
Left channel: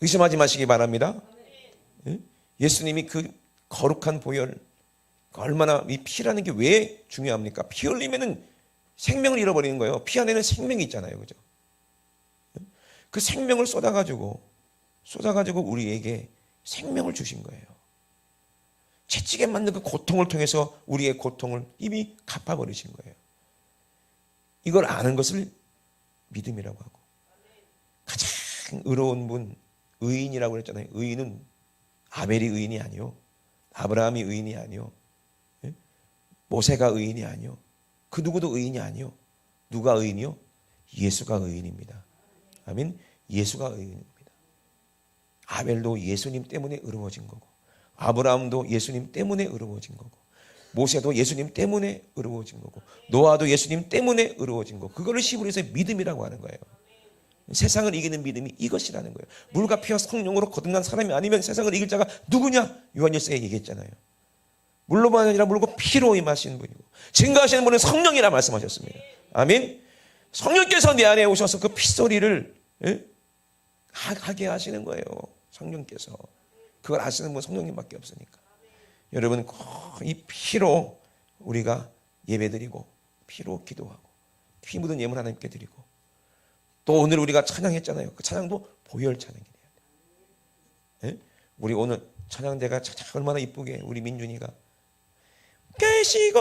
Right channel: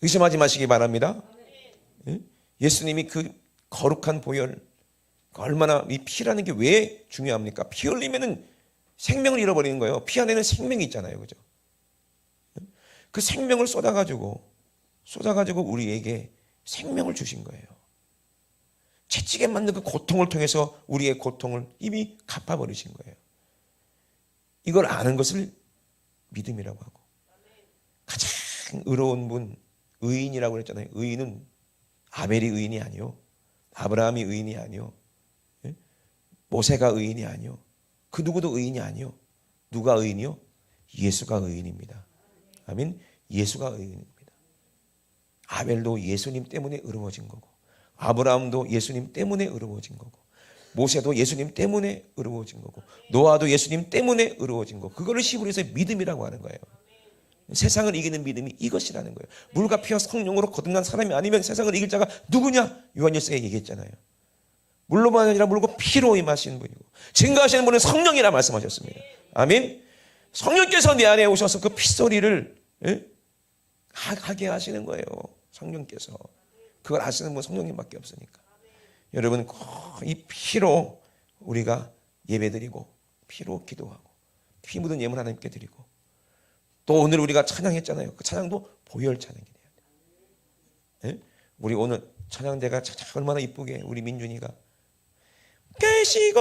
의심하지 마시기 바랍니다. 예수님이 그 거룩한 보혈, 얼마나 이 피라는 게 왜 중요합니까? 피 흘리면은 생명을 잃어버리는 거예요. 피 안에는 생명이 있잖아요. 그죠? 그 생명을 쏟아가지고 우리에게 생명을 주신 거예요. 채찍에 맞는 그 고통을 통해서 우리의 고통을 이미 갚아버리신 거예요. 이걸 아는 것을 믿음이라고 하고, 가장 의로운 분, 의인이라고 했잖아요. 의인은 아벨이 의인이 아니요, 아브라함이 의인이 아니요, 모세가 의인이 아니요, 그 누구도 의인이 아니요. 누가 의인이요? 예수가 의인입니다. 아멘. 예수가 의인입니다. 아벨도 예수님 때문에 의로워진 거고, 아브라함도 예수님 때문에 의로워진 거고, 모세도 예수님 때문에 의로워진 거고, 노아도 예수님 때문에 의로워진 거고, 그거를 히브리서의 믿음이라고 하는 거예요. 세상을 이기는 믿음이 이것이라는 거예요. 물과 피와 성령으로 거듭난 사람이 아니면 세상을 이길 자가 누구냐? 요한일서에 얘기했잖아요. 물로만 아니라 물고 피로 임하시는 분이고, 증거하시는 분은 성령이라 말씀하셨습니다. 아멘. 성령께서 내 안에 오셔서 그 핏소리를 하게 하시는 거예요. 성령께서. 그걸 아시는 분 성령님밖에 없으니까. 여러분, 이 피로 우리가 예배드리고, 피로 기도하고, 피 묻은 예물 하나님께 드리고, 또 오늘 우리가 찬양했잖아요. 그 찬양도 보혈 찬양이 돼요. 우리 오늘 찬양대가 얼마나 이쁘게 우리 민준이가 계시고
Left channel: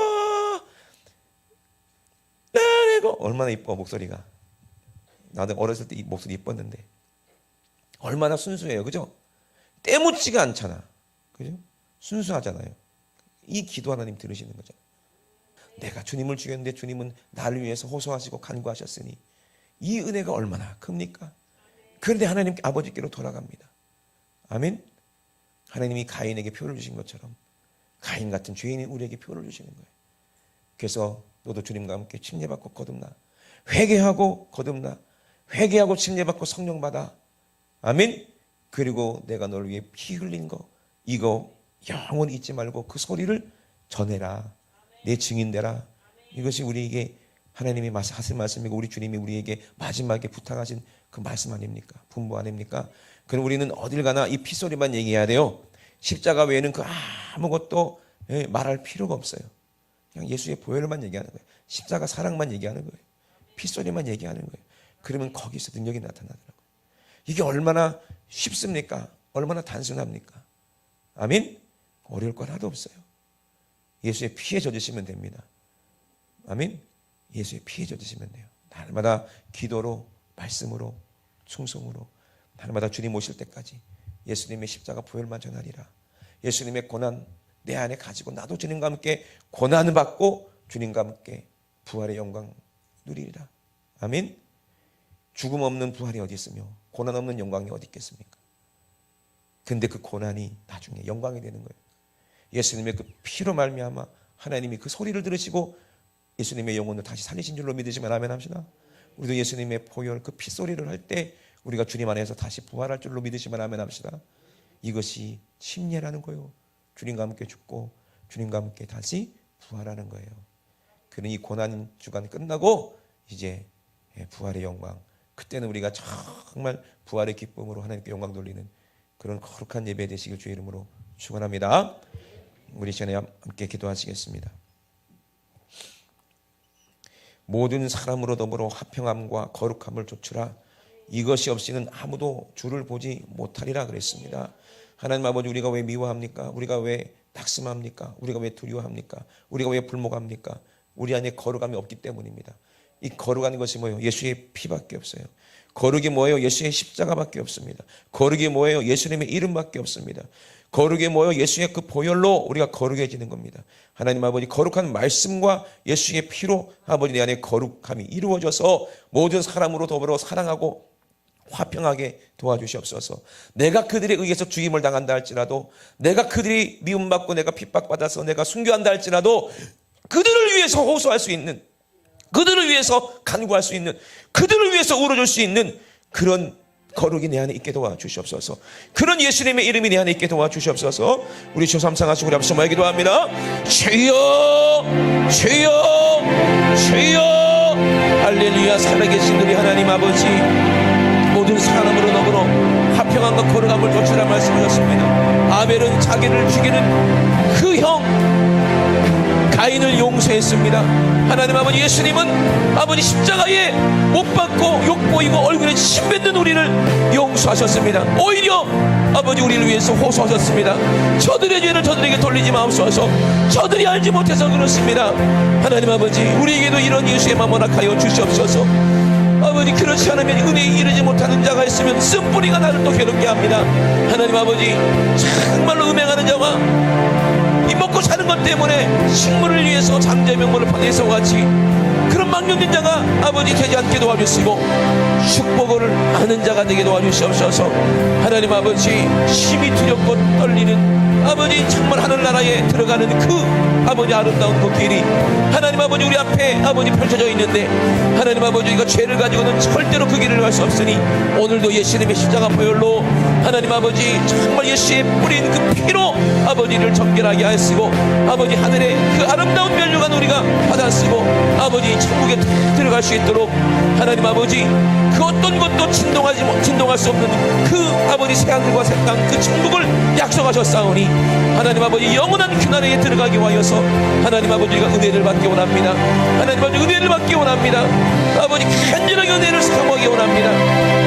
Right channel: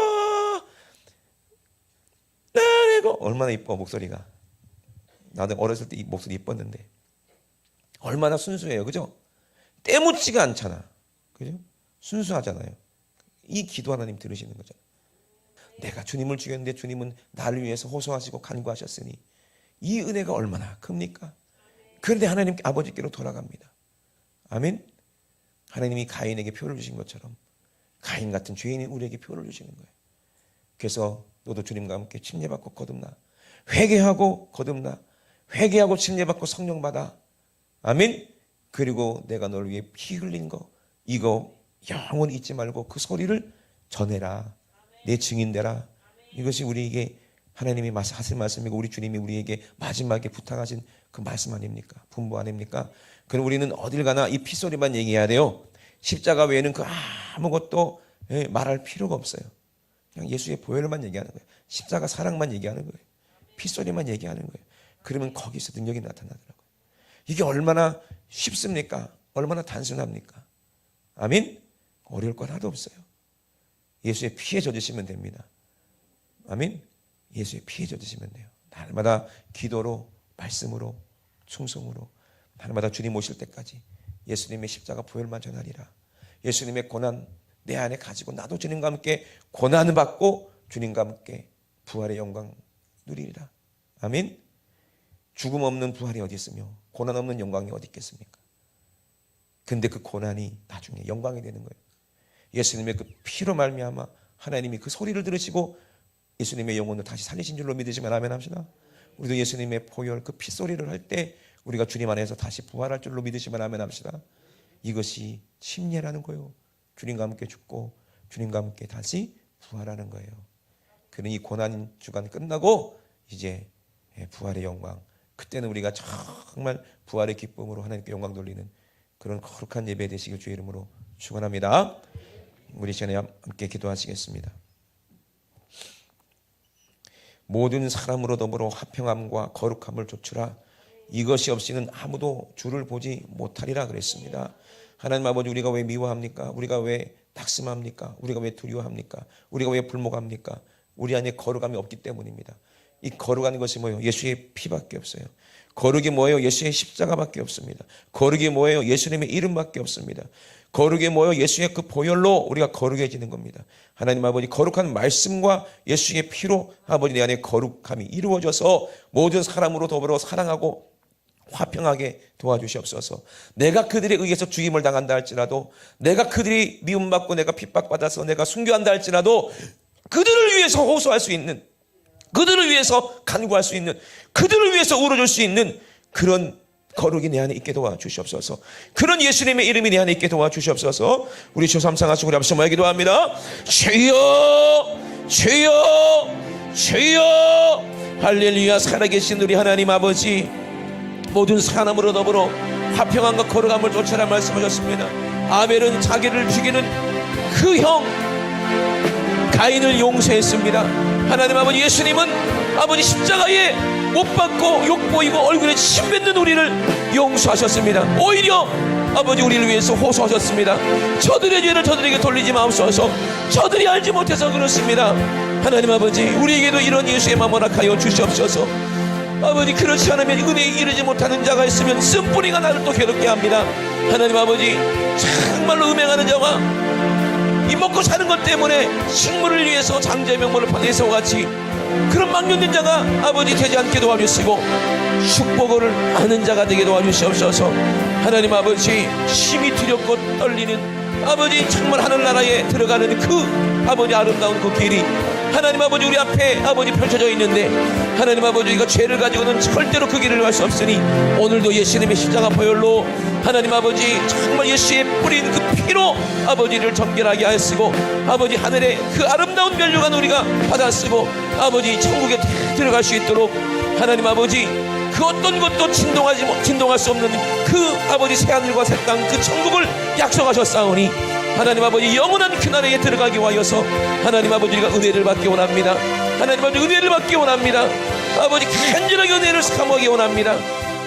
나고, 얼마나 이뻐 목소리가. 나도 어렸을 때 이 목소리 이뻤는데 얼마나 순수해요. 그죠? 때묻지가 않잖아. 그죠? 순수하잖아요. 이 기도 하나님 들으시는 거죠. 내가 주님을 죽였는데 주님은 나를 위해서 호소하시고 간구하셨으니 이 은혜가 얼마나 큽니까? 그런데 하나님 아버지께로 돌아갑니다. 아멘. 하나님이 가인에게 표를 주신 것처럼 가인 같은 죄인이 우리에게 표를 주시는 거예요. 그래서 너도 주님과 함께 침례받고 거듭나, 회개하고 거듭나, 회개하고 침례받고 성령 받아. 아멘. 그리고 내가 너를 위해 피 흘린 거, 이거 영원히 잊지 말고 그 소리를 전해라. 내 증인되라. 이것이 우리에게 하나님이 하신 말씀이고, 우리 주님이 우리에게 마지막에 부탁하신 그 말씀 아닙니까? 분부 아닙니까? 그럼 우리는 어딜 가나 이 피소리만 얘기해야 돼요. 십자가 외에는 그 아무것도 말할 필요가 없어요. 그냥 예수의 보혈만 얘기하는 거예요. 십자가 사랑만 얘기하는 거예요. 피소리만 얘기하는 거예요. 그러면 거기서 능력이 나타나더라고요. 이게 얼마나 쉽습니까? 얼마나 단순합니까? 아멘? 어려울 건 하나도 없어요. 예수의 피에 젖으시면 됩니다. 아멘? 예수의 피에 젖으시면 돼요. 날마다 기도로, 말씀으로, 충성으로, 날마다 주님 오실 때까지 예수님의 십자가 보혈만 전하리라. 예수님의 고난 내 안에 가지고 나도 주님과 함께 고난을 받고 주님과 함께 부활의 영광 누리리라. 아멘? 죽음 없는 부활이 어디 있으며 고난 없는 영광이 어디 있겠습니까? 근데 그 고난이 나중에 영광이 되는 거예요. 예수님의 그 피로 말미암아 하나님이 그 소리를 들으시고 예수님의 영혼을 다시 살리신 줄로 믿으시면 아멘 합시다. 우리도 예수님의 보혈 그 피소리를 할 때 우리가 주님 안에서 다시 부활할 줄로 믿으시면 아멘 합시다. 이것이 침례라는 거예요. 주님과 함께 죽고 주님과 함께 다시 부활하는 거예요. 그러니 고난 주간 끝나고 이제 부활의 영광, 그때는 우리가 정말 부활의 기쁨으로 하나님께 영광 돌리는 그런 거룩한 예배 되시길 주의 이름으로 축원합니다. 우리 시간에 함께 기도하시겠습니다. 모든 사람으로 더불어 화평함과 거룩함을 좇으라. 이것이 없이는 아무도 주를 보지 못하리라 그랬습니다. 하나님 아버지, 우리가 왜 미워합니까? 우리가 왜 낙심합니까? 우리가 왜 두려워합니까? 우리가 왜 불목합니까? 우리 안에 거룩함이 없기 때문입니다. 이 거룩한 것이 뭐예요? 예수의 피밖에 없어요. 거룩이 뭐예요? 예수의 십자가밖에 없습니다. 거룩이 뭐예요? 예수님의 이름밖에 없습니다. 거룩이 뭐예요? 예수의 그 보혈로 우리가 거룩해지는 겁니다. 하나님 아버지, 거룩한 말씀과 예수의 피로 아버지 내 안에 거룩함이 이루어져서 모든 사람으로 더불어 사랑하고 화평하게 도와주시옵소서. 내가 그들에 의해서 죽임을 당한다 할지라도, 내가 그들이 미움받고 내가 핍박받아서 내가 순교한다 할지라도 그들을 위해서 호소할 수 있는 그들을 위해서 간구할 수 있는, 그들을 위해서 울어줄 수 있는 그런 거룩이 내 안에 있게 도와주시옵소서. 그런 예수님의 이름이 내 안에 있게 도와주시옵소서. 우리 주 삼상하시고 우리 앞서 말기도 합니다. 주여 주여 주여. 할렐루야. 살아계신 우리 하나님 아버지, 모든 사람으로 너무로 화평함과 거룩함을 좇으라 말씀하셨습니다. 아벨은 자기를 죽이는 그 형 가인을 용서했습니다. 하나님 아버지, 예수님은 아버지 십자가에 못 박고 욕보이고 얼굴에 침 뱉는 우리를 용서하셨습니다. 오히려 아버지 우리를 위해서 호소하셨습니다. 저들의 죄를 저들에게 돌리지 마옵소서. 저들이 알지 못해서 그렇습니다. 하나님 아버지, 우리에게도 이런 예수의 마음 허락하여 주시옵소서. 아버지, 그렇지 않으면 은혜에 이르지 못하는 자가 있으면 쓴뿌리가 나를 또 괴롭게 합니다. 하나님 아버지, 정말로 음행하는 자와 이 먹고 사는 것 때문에 식물을 위해서 장제명분을 파내서 같이 그런 망령된 자가 아버지 되지 않게 도와주시고 축복을 아는 자가 되게 도와주시옵소서. 하나님 아버지, 심히 두렵고 떨리는 아버지 정말 하늘나라에 들어가는 그 아버지 아름다운 그 길이 하나님 아버지 우리 앞에 아버지 펼쳐져 있는데, 하나님 아버지 이거 죄를 가지고는 절대로 그 길을 갈 수 없으니 오늘도 예수님의 십자가 보혈로 하나님 아버지 정말 예수의 뿌린 그 피로 아버지를 정결하게 하시고 아버지 하늘의 그 아름다운 면류관 우리가 받아쓰고 아버지 천국에 들어갈 수 있도록 하나님 아버지 그 어떤 것도 진동할 수 없는 그 아버지 새하늘과 새 땅 그 천국을 약속하셨사오니 하나님 아버지 영원한 그날에 들어가기 위하여서 하나님 아버지가 은혜를 받기 원합니다. 하나님 아버지 은혜를 받기 원합니다. 아버지 간절하게 은혜를 사모하기 원합니다.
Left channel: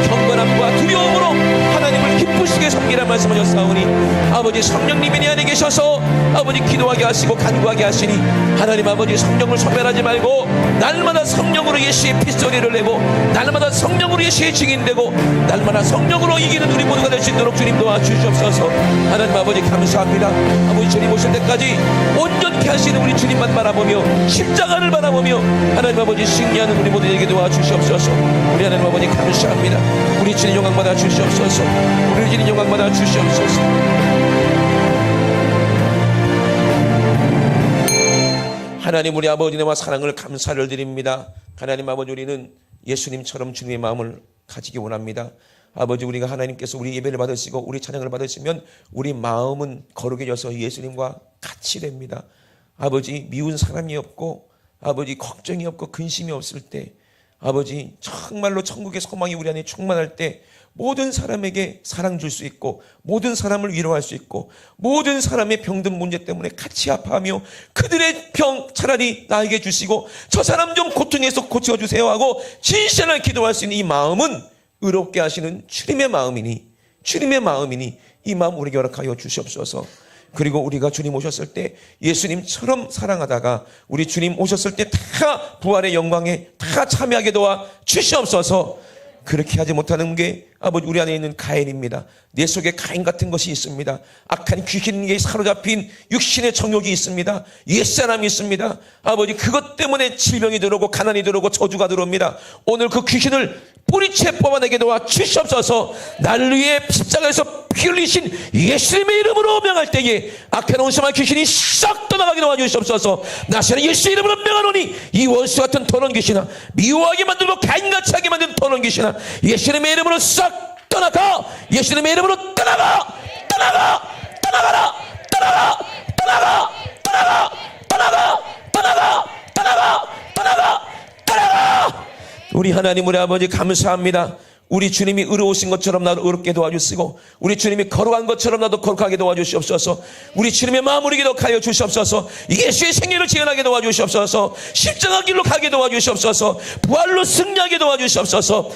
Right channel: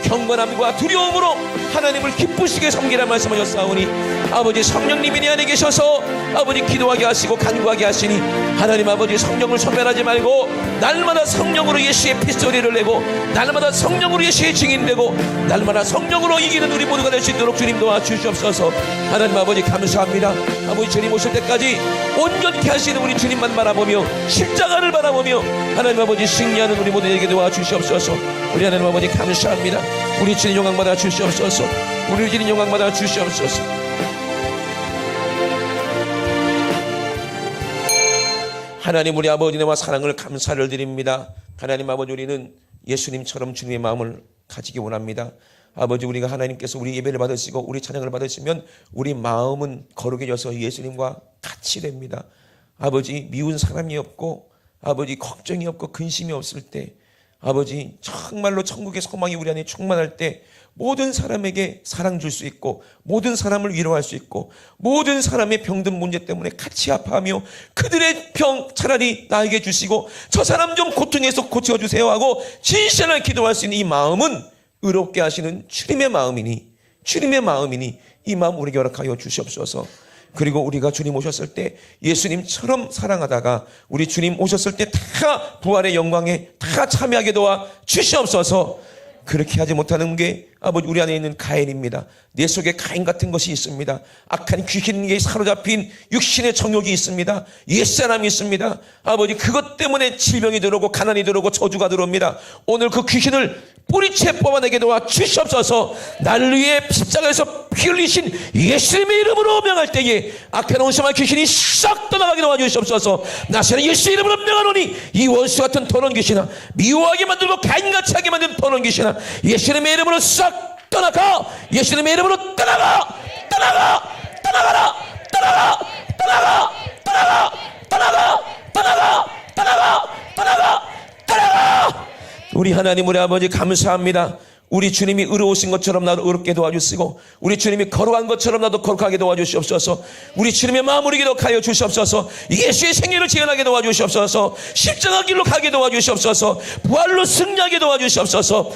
경건함과 두려움으로 하나님을 기쁘시게 섬기라 말씀하셨사오니 아버지 성령님이 내 안에 계셔서 아버지 기도하게 하시고 간구하게 하시니 하나님 아버지 성령을 소멸하지 말고 날마다 성령으로 예수의 핏소리를 내고 날마다 성령으로 예수의 증인되고 날마다 성령으로 이기는 우리 모두가 될 수 있도록 주님 도와주시옵소서. 하나님 아버지 감사합니다. 아버지 주님 오실 때까지 온전케 하시는 우리 주님만 바라보며 십자가를 바라보며 하나님 아버지 승리하는 우리 모두에게 도와주시옵소서. 우리 하나님 아버지 감사합니다. 우리 주님 영광 받아 주시옵소서. 우리 주님 영광 받아 주시옵소서. 하나님 우리 아버지와 사랑을 감사를 드립니다. 하나님 아버지, 우리는 예수님처럼 주님의 마음을 가지기 원합니다. 아버지, 우리가 하나님께서 우리 예배를 받으시고 우리 찬양을 받으시면 우리 마음은 거룩해져서 예수님과 같이 됩니다. 아버지, 미운 사람이 없고 아버지 걱정이 없고 근심이 없을 때 아버지 정말로 천국의 소망이 우리 안에 충만할 때 모든 사람에게 사랑 줄 수 있고 모든 사람을 위로할 수 있고 모든 사람의 병든 문제 때문에 같이 아파하며 그들의 병 차라리 나에게 주시고 저 사람 좀 고통에서 고쳐주세요 하고 진실하게 기도할 수 있는 이 마음은 의롭게 하시는 주님의 마음이니 이 마음 우리에게 허락하여 주시옵소서. 그리고 우리가 주님 오셨을 때 예수님처럼 사랑하다가 우리 주님 오셨을 때 다 부활의 영광에 다 참여하게 도와 주시옵소서. 그렇게 하지 못하는 게 아버지 우리 안에 있는 가인입니다. 내 속에 가인 같은 것이 있습니다. 악한 귀신에게 사로잡힌 육신의 정욕이 있습니다. 옛사람이 있습니다. 아버지 그것 때문에 질병이 들어오고 가난이 들어오고 저주가 들어옵니다. 오늘 그 귀신을 뿌리채 뽑아내게 도와 주시옵소서. 날 위해 십자가에서 피 흘리신 예수님의 이름으로 명할 때에 악한 원수와 귀신이 싹 떠나가게 도와 주시옵소서. 나시는 예수의 이름으로 명하노니 이 원수 같은 더러운 귀신아, 미워하게 만들고 가인같이 하게 만든 더러운 귀신아, 예수님의 이름으로 싹 떠나가. 예수님의 이름으로 떠나가. 떠나가. 떠나가라. 떠나가. 떠나가. 떠나가. 떠나가. 떠나가. 떠나가. 떠나가. 떠나가. 우리 하나님 우리 아버지 감사합니다. 우리 주님이 의로우신 것처럼 나도 의롭게 도와주시고 우리 주님이 거룩한 것처럼 나도 거룩하게 도와주시옵소서. 우리 주님의 마음을 이기게 하여 주시옵소서. 예수의 생애를 재현하게 도와주시옵소서. 십자가 길로 가게 도와주시옵소서. 부활로 승리하게 도와주시옵소서.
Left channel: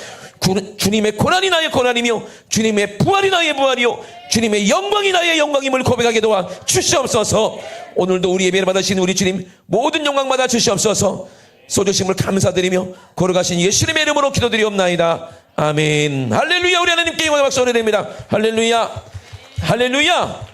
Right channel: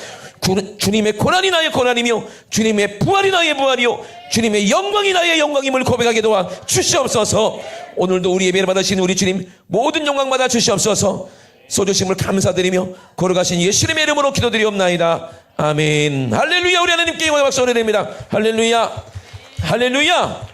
주님의 고난이 나의 고난이며 주님의 부활이 나의 부활이요 주님의 영광이 나의 영광임을 고백하게 도와 주시옵소서. 오늘도 우리 예배를 받으신 우리 주님 모든 영광 받아 주시옵소서. 쏘주심을 감사드리며 거룩하신 예수님의 이름으로 기도드리옵나이다. 아멘. 할렐루야. 우리 하나님께 영광의 박수 올려드립니다. 할렐루야. 할렐루야.